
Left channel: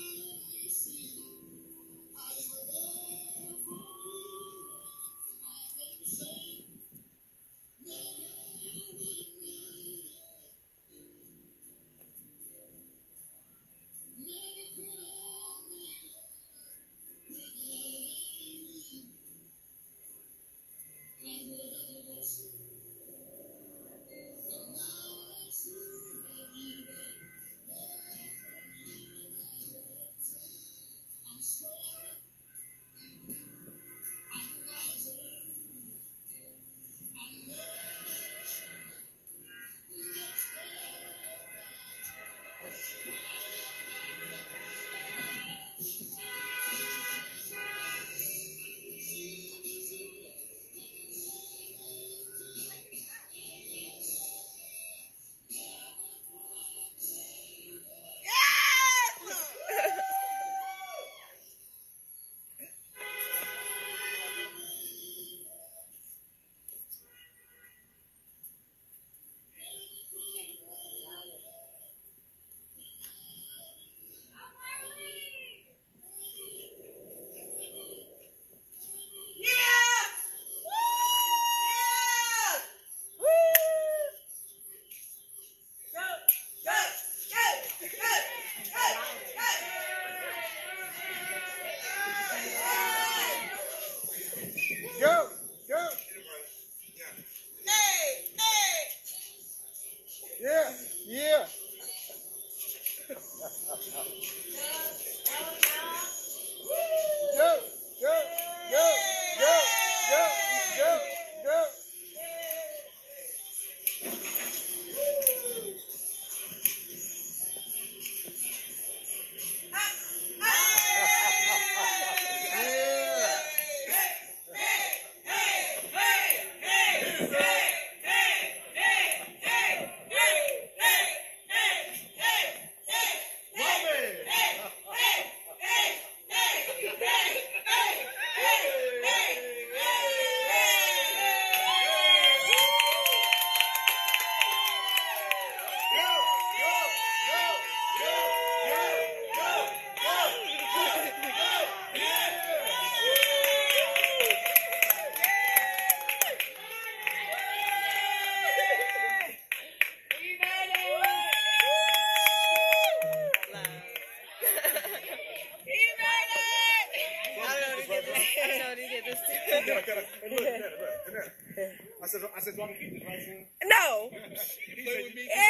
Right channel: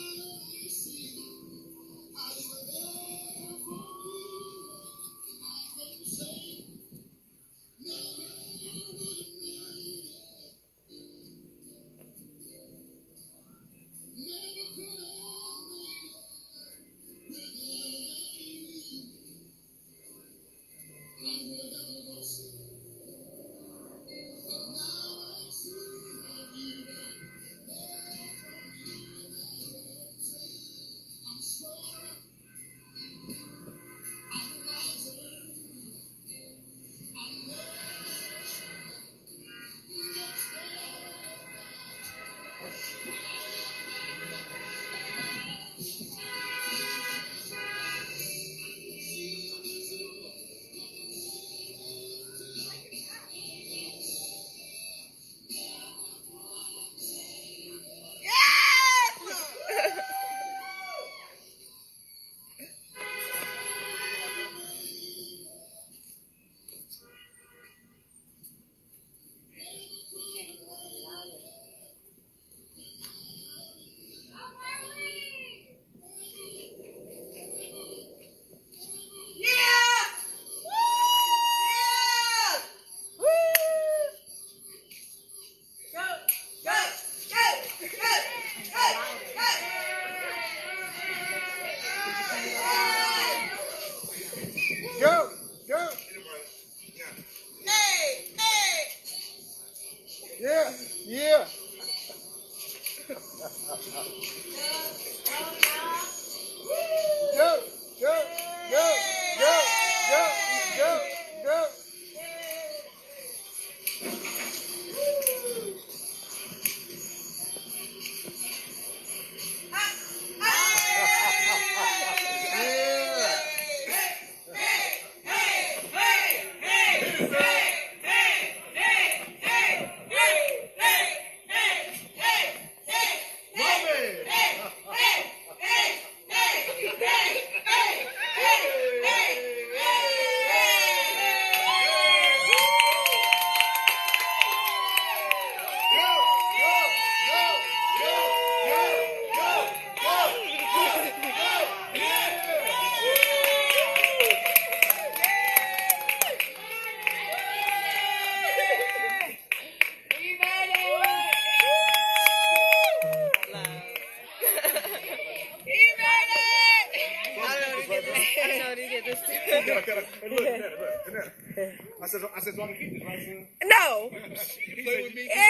I said, so I can keep this, right, son? No. He play with me. Yeah.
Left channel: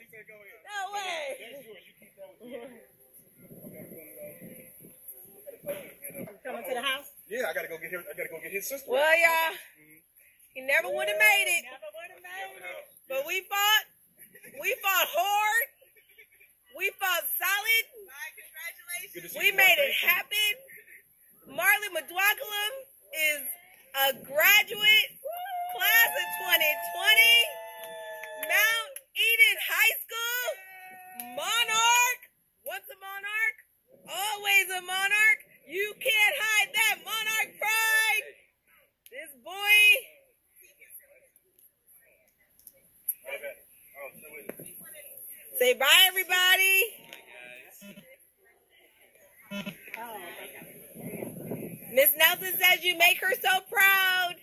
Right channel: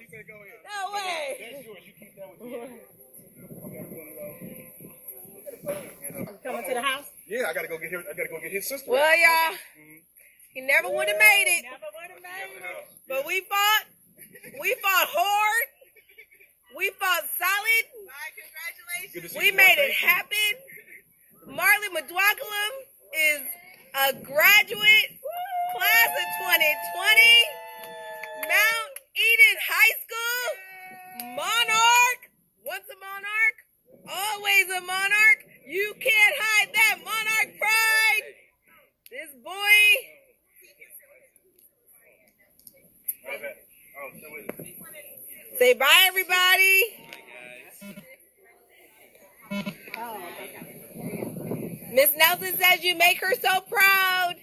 He said, go ahead. No way. That's yours. You keep that with you. Coming to the house? Yeah, I gotta go get his sister. Well, y'all, he never would have made it. But we fought hard. We fought solid. Congratulations. We made it happen. Marley McDwakalam is a graduate, class of 2020, Mount Eden High School, monarch. What's a monarch? Always a monarch. You can't hide that monarch pride. This boy. Say bye, everybody. Miss Nelson says you make her so proud.